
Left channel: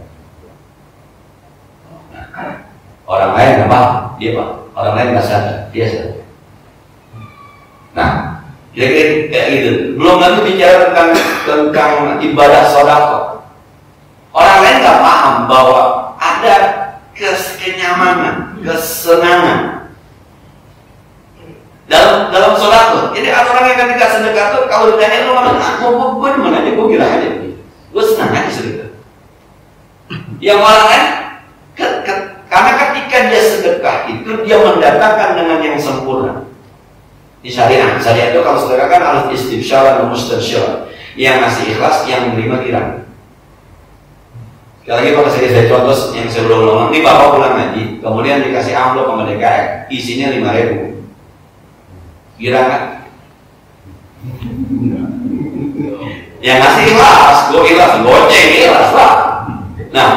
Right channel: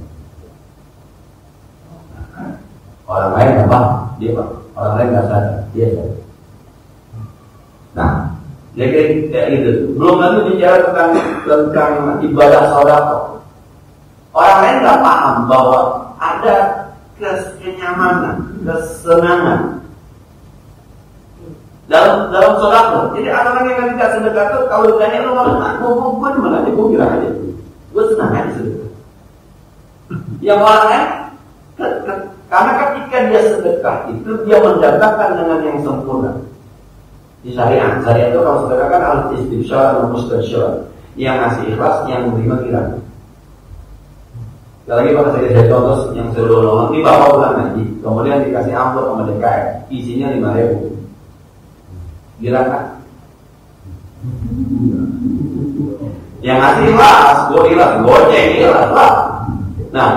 Orang lain nggak paham, dia paham. Orang lain nggak sadar, dia sadar. Nah, kira-kira kayak gitu. Belum lagi bicara tentang ibadah sedekah. Orang lain nggak paham bahwa ada kenyamanan, kesenangan dalam sedekah. Jadi ada orang yang ketika sedekah tuh kalau ditanya lu gue mana aja, gue kira aja, gue senang aja sedekah. Yang orang lain karena ketika dia sedekah itu dia mendatangkan dengan yang sempurna. Di syariat itu kalau sedekah kan harus istibsyar dan mustabsyar, yang ngasih ikhlas, yang menerima kirang. Sekali lagi pada saya contoh yang saya belum ngomong, ini bapak pulang ngaji, kemudian dikasih amplop sama DKM, isinya 5.000. Kirang kan? Yang ngasih ikhlas, goceng ikhlas lah. Nah,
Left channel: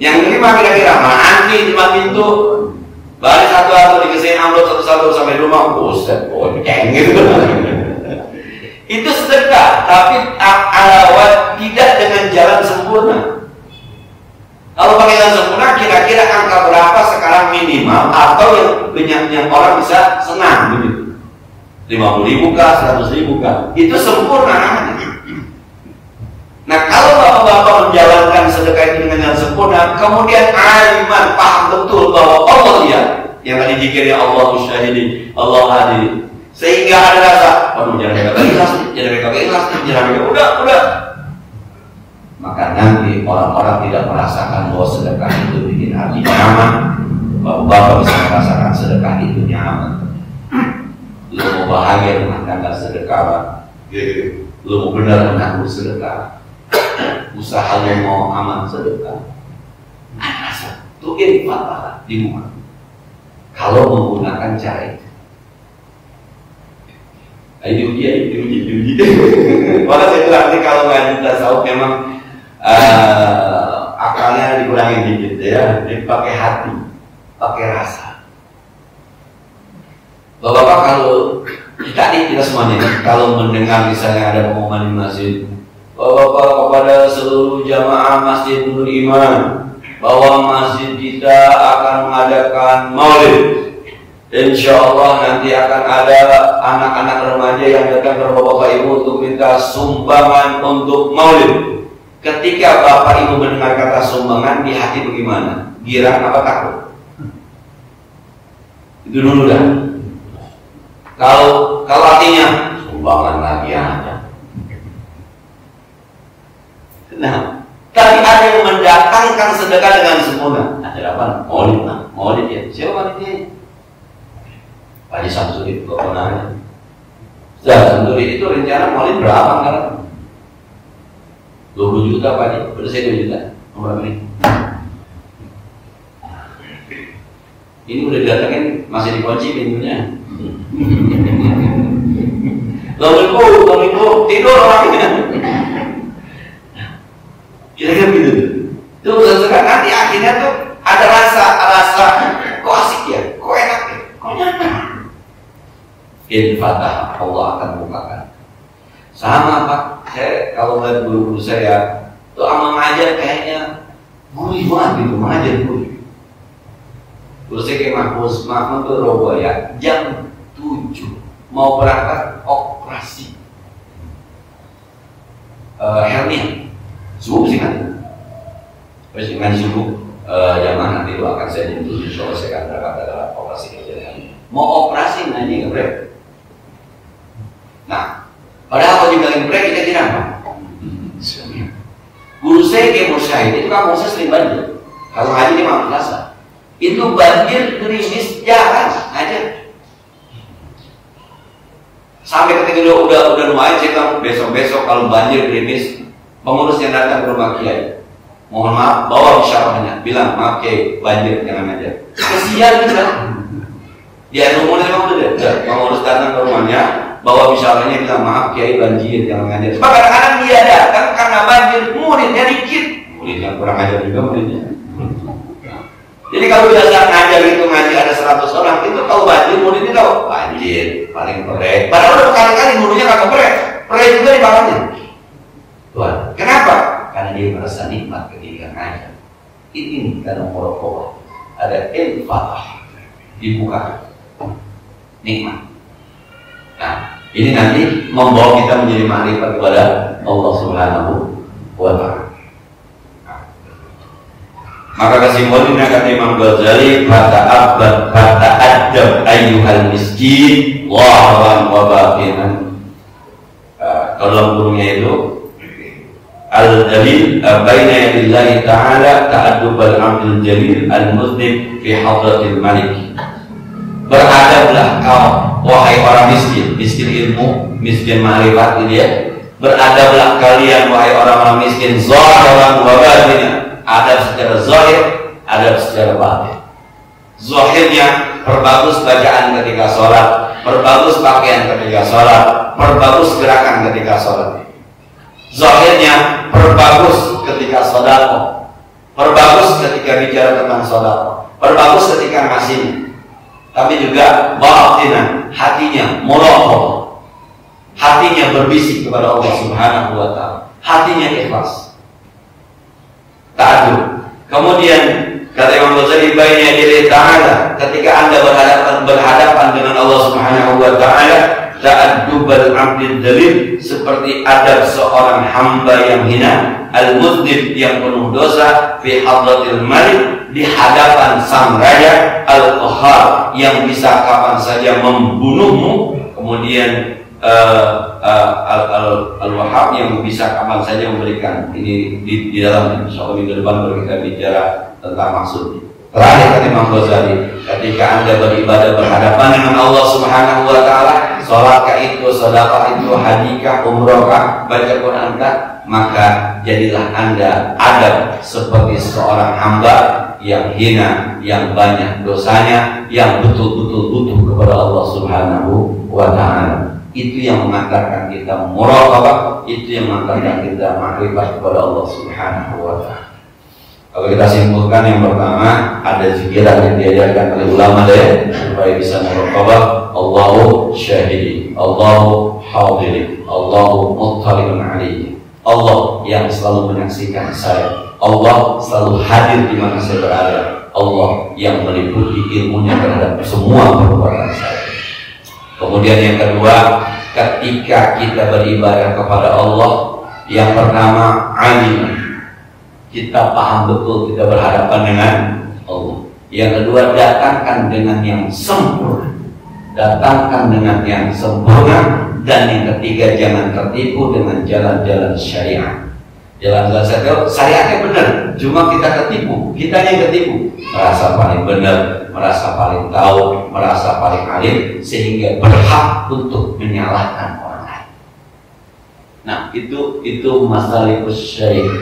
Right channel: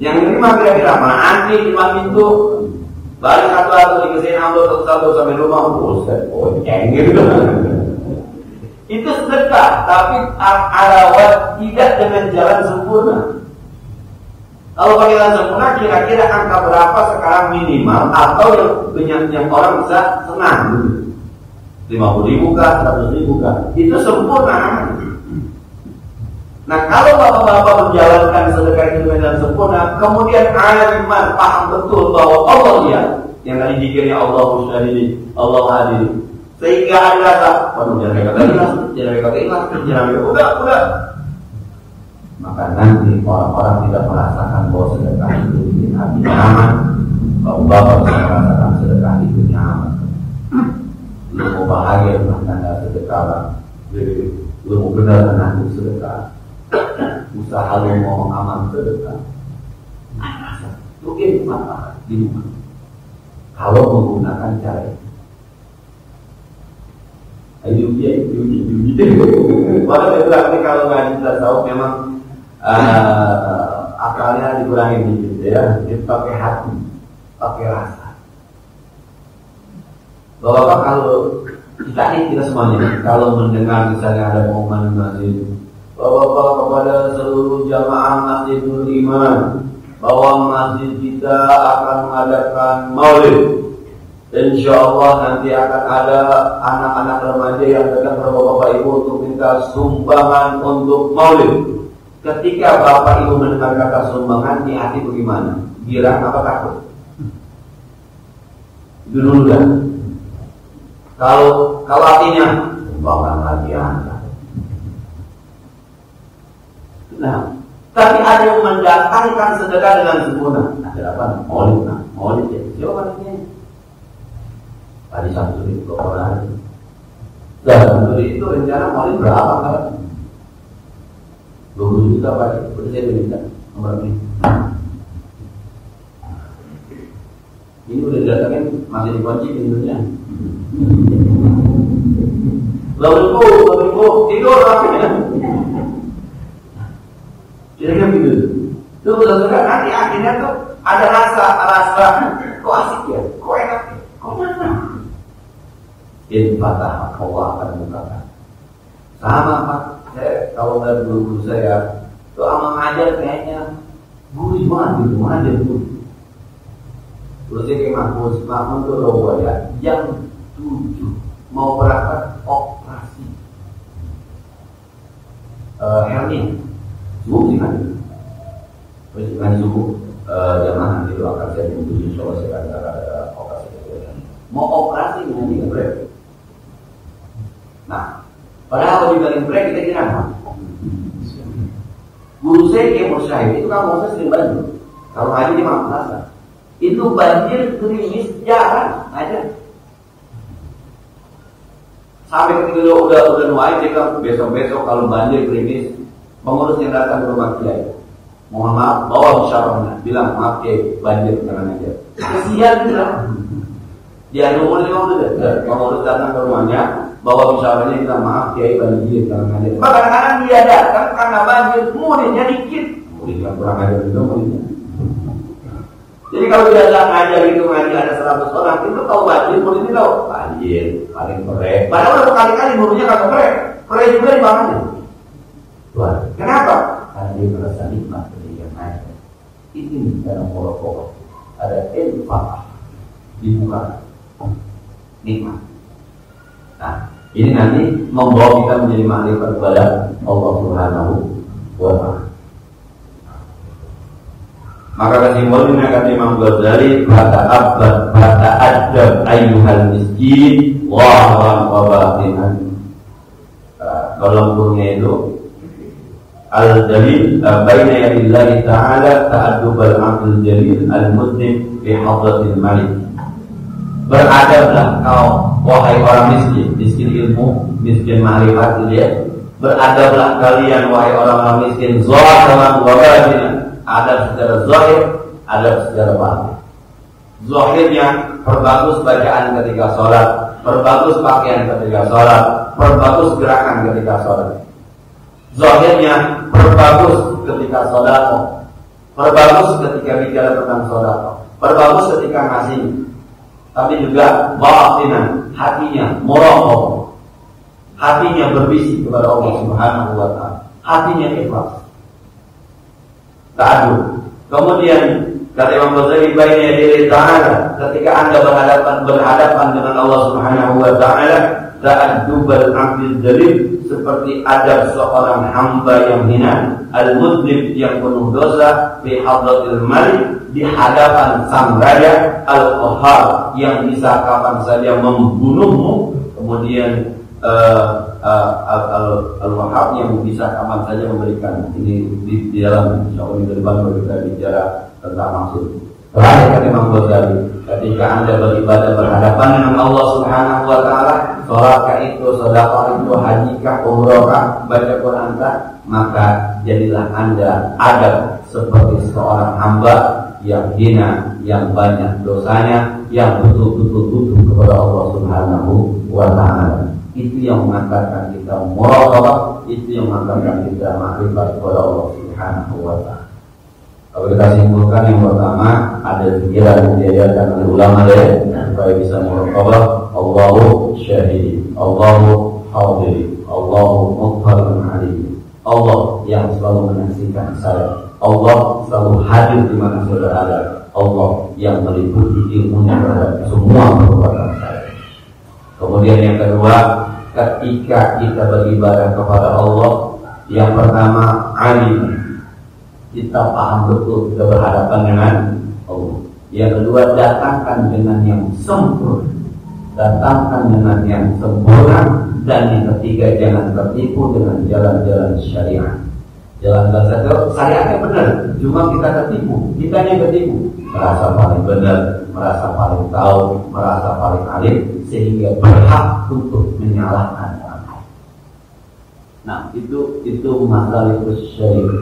yang menerima kira-kira mana antri di pintu, Balik satu-satu dikasihin amplop satu-satu sampai rumah, buset, bonceng gitu. Itu sedekah, tapi alawat tidak dengan jalan sempurna. Kalau pakai jalan sempurna, kira-kira angka berapa sekarang minimal atau yang orang bisa senang begitu? 50.000 kah, 100.000 kah? Itu sempurna namanya. Nah, kalau bapak-bapak menjalankan sedekah itu dengan jalan sempurna, kemudian aliman paham betul bahwa Allah dia yang tadi dikira Allah syahidi, Allah hadir, sehingga ada rasa, waduh jangan mereka ikhlas, udah. Maka nanti orang-orang tidak merasakan bahwa sedekah itu bikin hati nyaman. Bapak bisa merasakan sedekah itu nyaman. Lu mau bahagia dengan tanggal sedekah, lu mau benar menanggung sedekah. Usaha lo mau aman sedekah, rasa itu infak di rumah. Kalau menggunakan cara itu, diuji. Maka saya bilang nanti kalau ngaji tasawuf memang akalnya dikurangin dikit ya, dipakai hati, pakai rasa. Bapak-bapak kalau kita semuanya kalau mendengar misalnya ada pengumuman di masjid, Bapak-bapak kepada seluruh jamaah Masjid Nurul Iman bahwa masjid kita akan mengadakan maulid. Insya Allah nanti akan ada anak-anak remaja yang datang ke Bapak Ibu untuk minta sumbangan untuk maulid. Ketika Bapak Ibu mendengar kata sumbangan, di hati bagaimana? Girang apa takut? Itu dulu dah. Kalau artinya sumbangan lagi aja. Nah, tapi ada yang mendatangkan sedekah dengan sempurna. Ada apa? Maulid ya. Siapa wanitanya? Pak Haji Samsudin, keponakannya. Samsudin itu rencana maulid berapa kan? 20 juta Pak Haji. Udah saya 2 juta. Nomor ini. Ini udah didatangin, masih dikunci pintunya. Lalu tidur orangnya. Kira-kira gitu. Itu usaha nanti akhirnya tuh ada rasa kok asik ya, kok enak ya, kok nyaman. Infatah Allah akan bukakan. Sama Pak, saya kalau ngeliat guru-guru saya tuh ama ngajar kayaknya gurih banget gitu, ngajar gurih. Guru saya kayak Mahmud tuh roba ya, jam 7 mau berangkat operasi hernia. Subuh sih kan, terus dengan subuh jamaah nanti itu akan saya jemput, insya Allah saya akan berangkat ke operasi kejadian. Mau operasi nanti ngebrek. Nah, padahal kalau juga ngebrek kita kira apa? Guru saya kayak Mursyid itu kan Mursyid sering banjir. Kalau ngaji di Malam Plaza, itu banjir gerimis jarang aja. Sampai ketika udah nuain saya bilang besok kalau banjir gerimis, pengurus yang datang ke rumah kiai, mohon maaf, bawa bisyarahnya, bilang maaf kiai, banjir jangan aja. Kesian kita. Dia umurnya memang udah pengurus datang ke rumahnya, bawa bisyarahnya, bilang maaf kiai banjir jangan aja. Sebab kadang-kadang dia datang karena banjir, muridnya dikit, muridnya kurang ajar juga muridnya. Jadi kalau biasa ngajar gitu ngaji ada 100 orang, itu kalau banjir muridnya tahu banjir paling perek. Padahal udah berkali-kali muridnya kagak perek juga di bawahnya. Tuhan, kenapa? Karena dia merasa nikmat ketika ngajar. Ini karena muraqabah. Ada infaq dibuka nikmat. Nah, ini nanti membawa kita menjadi makrifat kepada Allah Subhanahu wa Ta'ala. Maka kesimpulannya kata Imam Ghazali, fata'adab ayyuhal miskin lahran wa batinan. Kalau dalam burungnya itu al-dalil baina yadillahi ta'ala ta'addubal abdul jalil al-muslim fi hadratil malik. Beradablah kau wahai orang miskin, miskin ilmu, miskin ma'rifat ini ya. Beradablah kalian wahai orang-orang miskin zahiran wa batinan. Adab secara zahir, adab secara batin. Zahirnya perbagus bacaan ketika sholat, perbagus pakaian ketika sholat, perbagus gerakan ketika sholat. Zahirnya perbagus ketika sedekah, perbagus ketika bicara tentang sedekah, perbagus ketika ngasih, tapi juga batinan, hatinya muraqabah, hatinya berbisik kepada Allah Subhanahu wa taala, hatinya ikhlas, ta'addub. Kemudian kata Imam Ghazali, baina yaday ta'ala, ketika Anda berhadapan dengan Allah Subhanahu wa taala, ta'addubal 'abdil dalil, seperti adab seorang hamba yang hina, al-mudnib yang penuh dosa, fi hadratil malik, di hadapan sang raja, al-qahhar yang bisa kapan saja membunuhmu, kemudian al-wahhab yang bisa kapan saja memberikan. Ini di dalam insyaallah minggu depan baru kita bicara tentang maksudnya. Terakhir kata Imam Ghazali, ketika Anda beribadah berhadapan dengan Allah Subhanahu wa taala, salatkah itu, sedekah itu, hadikah, umrohkah, baca Quran kah, maka jadilah Anda adab seperti seorang hamba yang hina, yang banyak dosanya, yang betul-betul butuh kepada Allah Subhanahu wa taala. Itu yang mengantarkan kita muraqabah, itu yang mengantarkan kita makrifat kepada Allah Subhanahu wa taala. Kalau kita simpulkan, yang pertama ada zikiran yang diajarkan oleh ulama deh, supaya bisa muraqabah. Allahu syahidi, Allahu hadiri, Allahu muttalibun alaihi. Allah yang selalu menyaksikan saya, Allah selalu hadir di mana saya berada, Allah yang meliputi ilmunya terhadap semua perbuatan saya. Kemudian yang kedua, ketika kita beribadah kepada Allah, yang pertama alim, kita paham betul kita berhadapan dengan Allah. Yang kedua, datangkan dengan yang sempurna, datangkan dengan yang sempurna. Dan yang ketiga, jangan tertipu dengan jalan-jalan syariat. Jalan-jalan syariatnya benar, cuma kita ketipu, kita yang ketipu, merasa paling benar, merasa paling tahu, merasa paling alim, sehingga berhak untuk menyalahkan orang lain. Nah, itu masalah syariat.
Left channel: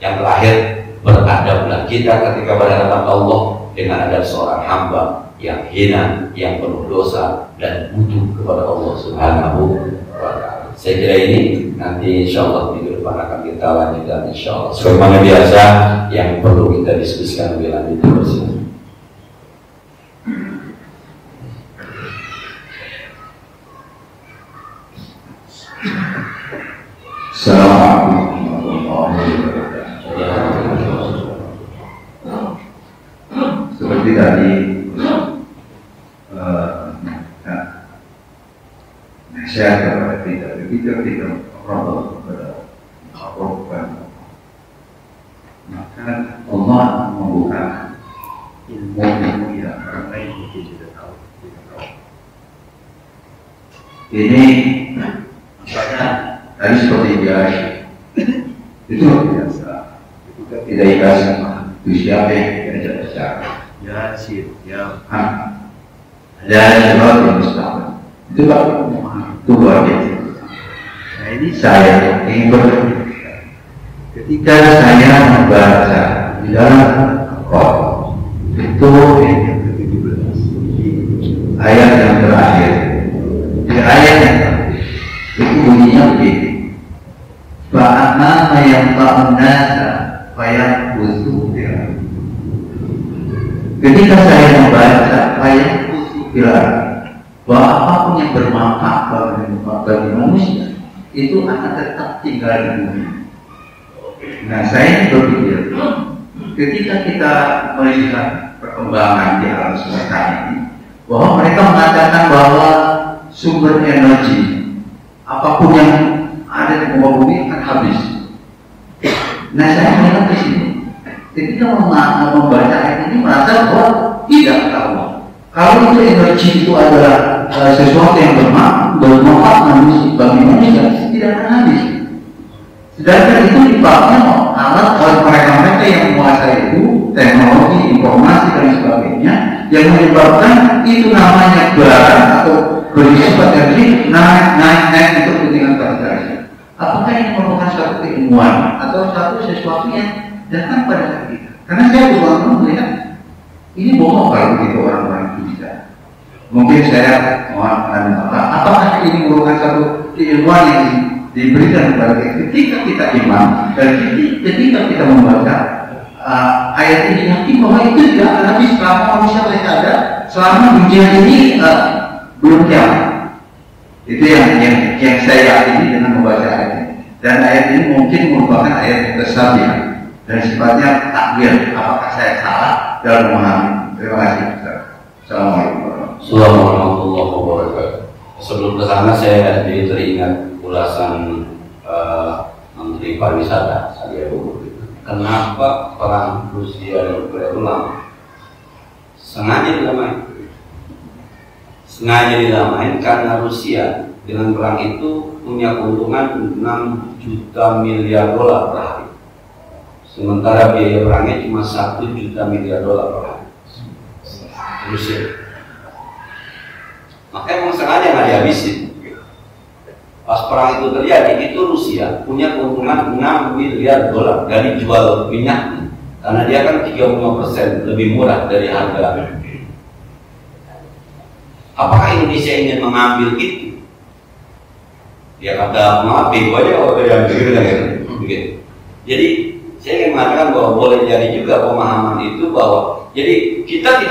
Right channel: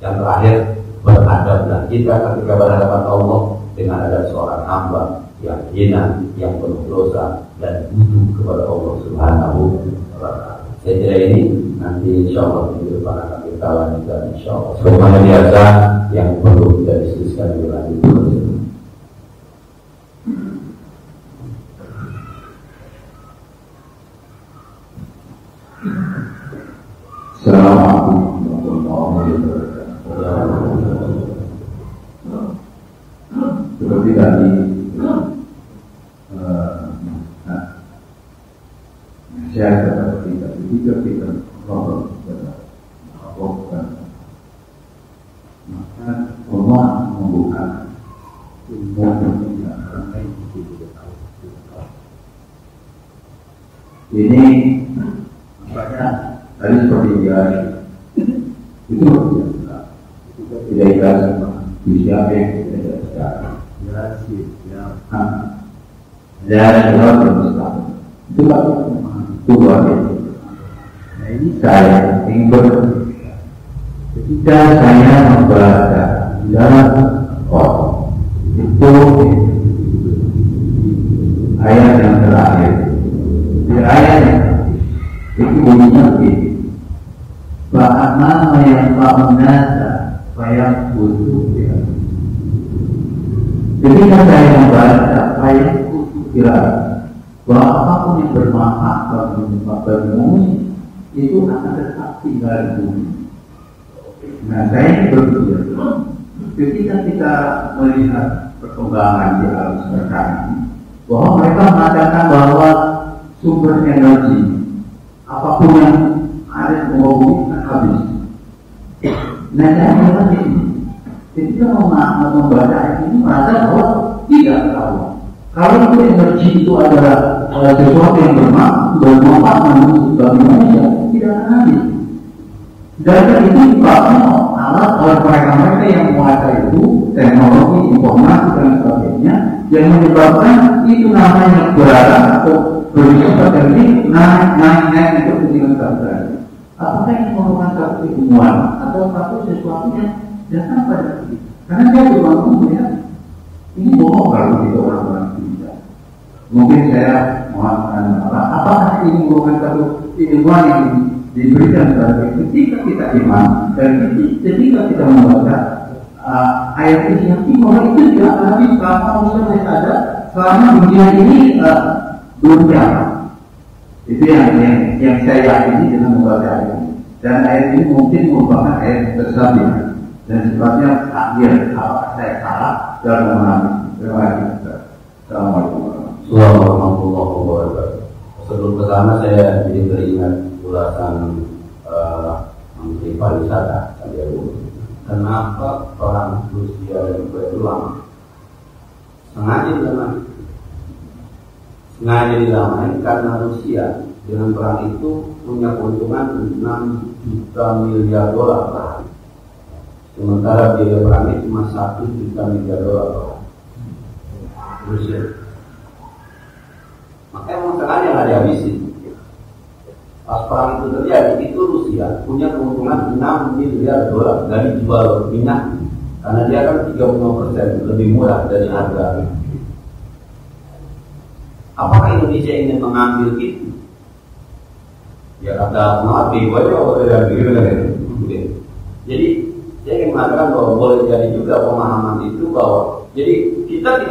Yang terakhir, beradablah kita ketika berhadapan Allah dengan adab seorang hamba yang hina, yang penuh dosa dan butuh kepada Allah Subhanahu wa taala. Saya kira ini nanti insyaallah minggu depan akan kita lanjutkan insyaallah. Sebagaimana biasa yang perlu kita diskusikan lebih lanjut bersama. Assalamualaikum warahmatullahi wabarakatuh. Seperti tadi nasihat kepada kita, begitu kita merokok kepada Allah, maka Allah membuka ilmu yang orang lain tidak tahu. Ini misalnya tadi seperti biasa, itu luar biasa. Tidak biasa, itu siapa yang tidak bicara? Ya sih, ya. Dan yang mustahil itu luar biasa. Nah, ini saya ingin bertanya, ketika saya membaca di dalam Al-Quran itu ayat yang terakhir, di ayat yang terakhir itu bunyinya begini: fa'amama yang ta'unasa fayang khusu. Ketika saya membaca ayat khusu bahwa apapun yang bermanfaat bagi manusia itu akan tetap tinggal di bumi. Nah, saya berpikir ketika kita melihat perkembangan di alam semesta ini, bahwa mereka mengatakan bahwa sumber energi apapun yang ada di muka bumi akan habis. Nah, saya melihat di sini, ketika membaca ayat ini merasa bahwa tidak tahu. Kalau itu energi itu adalah sesuatu yang bermanfaat bagi manusia, tidak akan habis. Sedangkan itu dipakai alat oleh mereka-mereka yang menguasai itu, teknologi, informasi dan sebagainya, yang menyebabkan itu namanya barang atau berisifat energi naik untuk kepentingan bangsa. Apakah ini merupakan suatu keilmuan atau satu sesuatu yang datang pada kita? Karena saya berulang-ulang melihat ini bohong kalau begitu orang-orang itu bisa. Mungkin saya mohon apakah ini merupakan satu keilmuan yang diberikan kepada kita ketika kita iman dan ketika kita membaca ayat ini yakin bahwa itu tidak akan habis selama manusia masih ada, selama dunia ini belum kiamat. Itu yang saya yakini dengan membaca ayat ini. Dan ayat ini mungkin merupakan ayat yang tersabiah dan sifatnya takwil. Apakah saya salah dalam memahami? Terima kasih. Assalamualaikum warahmatullahi wabarakatuh. Sebelum ke sana saya jadi teringat ulasan Menteri Pariwisata Sandiaga. Kenapa perang Rusia dan Ukraina itu lama? Sengaja dilamain karena Rusia dengan perang itu punya keuntungan 6 juta miliar dolar per hari. Sementara biaya perangnya cuma 1 juta miliar dolar per hari. Rusia. Makanya memang sengaja nggak dihabisin. Pas perang itu terjadi, itu Rusia punya keuntungan 6 miliar dolar dari jual minyak, karena dia kan 35% lebih murah dari harga. Apakah Indonesia ingin mengambil itu? Ya kata maaf, bego aja kalau tidak begitu. Jadi saya ingin mengatakan bahwa boleh jadi juga pemahaman itu bahwa jadi kita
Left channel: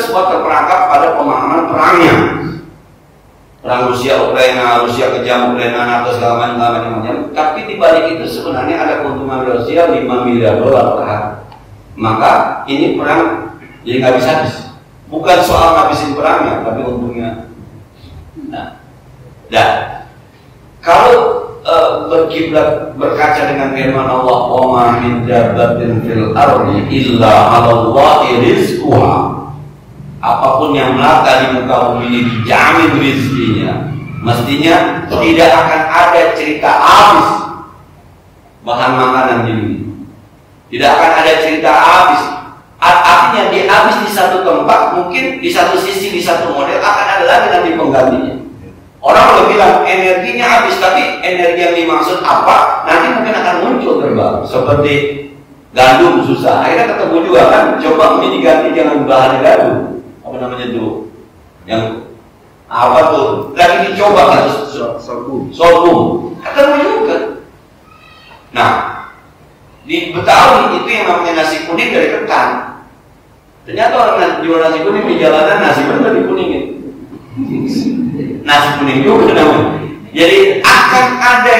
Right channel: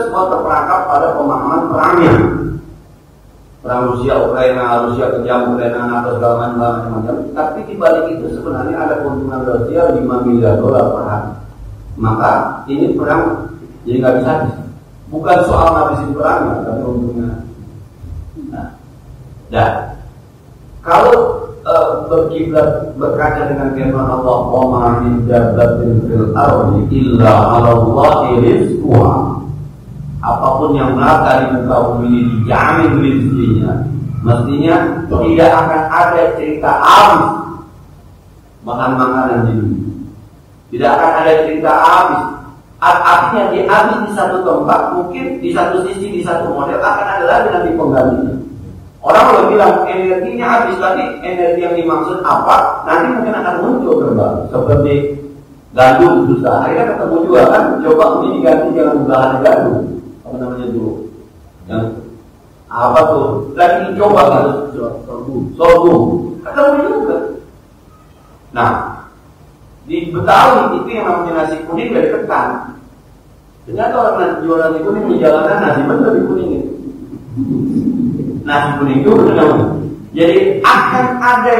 semua terperangkap pada pemahaman perangnya. Perang Rusia Ukraina, Rusia kejam Ukraina atau segala macam. Tapi di balik itu sebenarnya ada keuntungan Rusia 5 miliar dolar per hari. Maka ini perang jadi nggak bisa habis. Bukan soal ngabisin perangnya, tapi untungnya. Nah, dan kalau berkiblat berkaca dengan firman Allah, "Wa ma min dabbatin fil ardi illa 'ala Allahi rizquha." Apapun yang melata di muka bumi ini dijamin rezekinya. Mestinya tidak akan ada cerita habis bahan makanan di dunia. Tidak akan ada cerita habis. Artinya dia habis di satu tempat, mungkin di satu sisi, di satu model akan ada lagi nanti penggantinya. Orang boleh bilang energinya habis, tapi energi yang dimaksud apa? Nanti mungkin akan muncul terbaru. Seperti gandum susah, akhirnya ketemu juga kan. Coba ini diganti jangan bahan gandum. Apa namanya dulu? Yang apa tuh? Lagi dicoba kan? Sorghum. Ketemu juga. Nah, di Betawi itu yang namanya nasi kuning dari ketan. Ternyata orang jual nasi kuning di jalanan, nasi benar dikuningin. Nasi kuning juga namanya. Jadi akan ada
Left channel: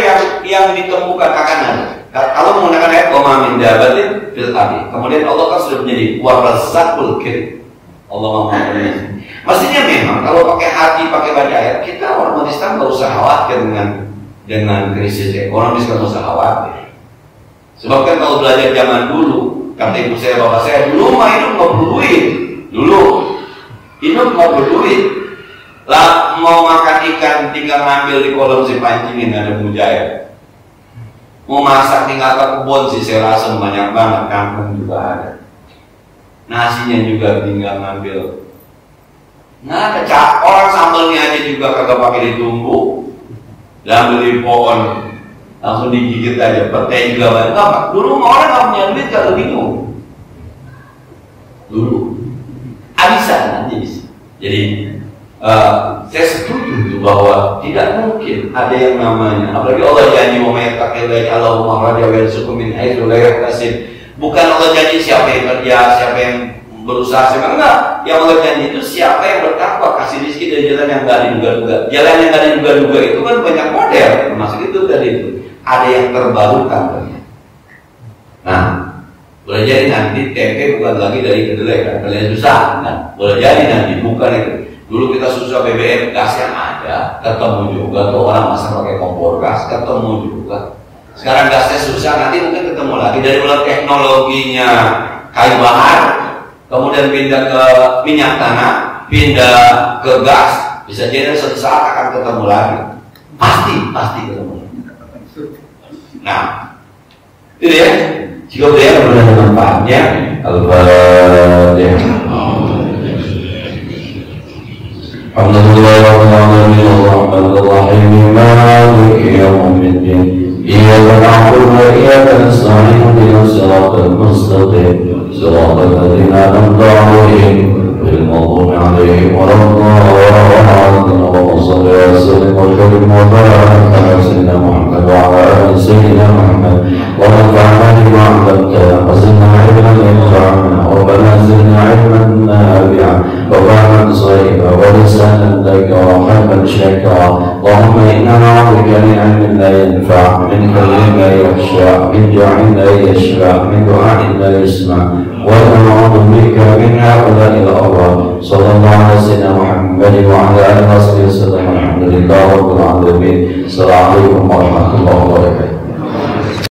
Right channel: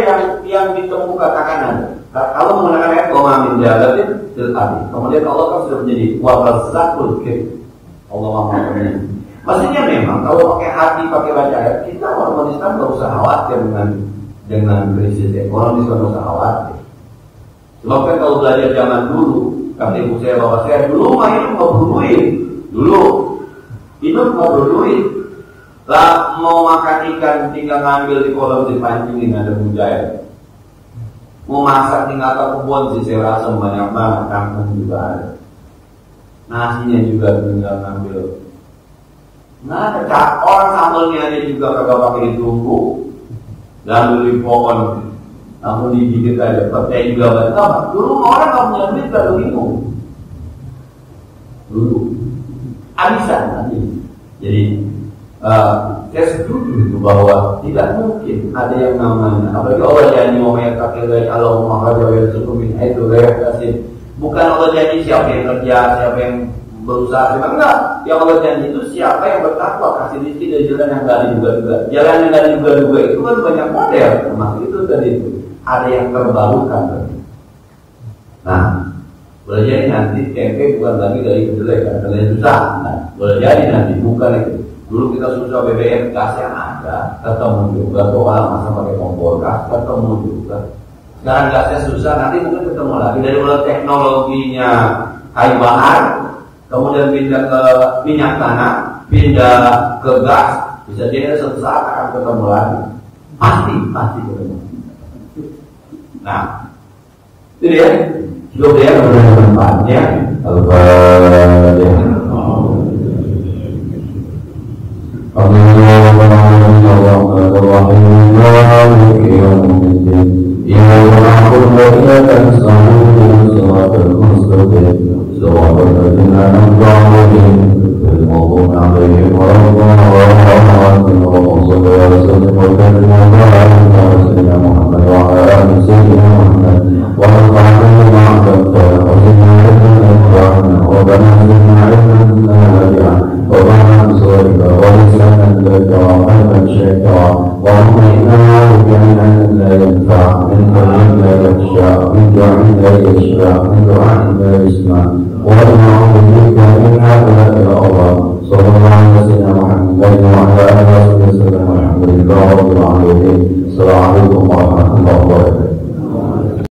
yang ditemukan, akan ada. Kalau menggunakan ayat "Wa min dabbatin fil ardi", kemudian Allah kan sudah menjadi war-razzaqul karim. Allah memahami. Mestinya memang kalau pakai hati, pakai baca ayat, kita orang Islam nggak usah khawatir dengan krisis ekonomi, nggak usah khawatir. Sebab kan kalau belajar zaman dulu, kata ibu saya, bapak saya, dulu mah hidup nggak perlu duit. Dulu hidup nggak perlu duit. Lah mau makan ikan tinggal ngambil di kolam si pancingin, ada mujair. Mau masak tinggal ke kebun si serasem, banyak banget, kampung juga ada. Nasinya juga tinggal ngambil. Nah, orang sambelnya aja juga kagak pakai ditumbuk, dan beli pohon langsung digigit aja. Petai juga banyak. Apa? Dulu orang nggak punya duit kalau bingung. Dulu abisan nanti. Jadi saya setuju bahwa tidak mungkin ada yang namanya. Apalagi Allah janji wa may yattaqillah Allahumma radiya yarzuqhu min haitsu la yahtasib. Bukan Allah janji siapa yang kerja, siapa yang berusaha, siapa enggak. Yang Allah janji itu siapa yang bertakwa, kasih rezeki dari jalan yang nggak diduga-duga. Jalan yang nggak diduga-duga itu kan banyak model, termasuk itu tadi itu. Ada yang terbarukan. Nah, boleh jadi nanti tempe bukan lagi dari kedelai kan, kedelai susah. Nah, boleh jadi nanti bukan itu. Dulu kita susah BBM, gas yang ada, ketemu juga tuh orang masak pakai kompor gas, ketemu juga. Sekarang gasnya susah, nanti mungkin ketemu lagi. Dari mulai teknologinya kayu bakar, kemudian pindah ke minyak tanah, pindah ke gas, bisa jadi suatu saat akan ketemu lagi. Pasti ketemu. Nah, itu ya. Jika dia benar manfaatnya, Al-Fatihah. Alhamdulillahirrahmanirrahim, maliki yaumiddin. Iyyaka na'budu wa iyyaka nasta'in, ihdinas siratal mustaqim, siratal ladzina an'amta 'alaihim, ghairil maghdubi 'alaihim waladdallin. Allahumma shalli wa sallim wa barik wa barik ala sayyidina Muhammad wa ala ali sayyidina Muhammad wa nafa'na bima 'allamtana wa zidna 'ilman من علم لا ينفع، من قلب لا يخشع، من جوع لا يشبع، من دعاء لا يسمع، ونعوذ بك من هؤلاء الأمراض. صلى الله على سيدنا محمد وعلى آله وصحبه وسلم. الحمد لله رب العالمين. السلام عليكم ورحمة الله وبركاته.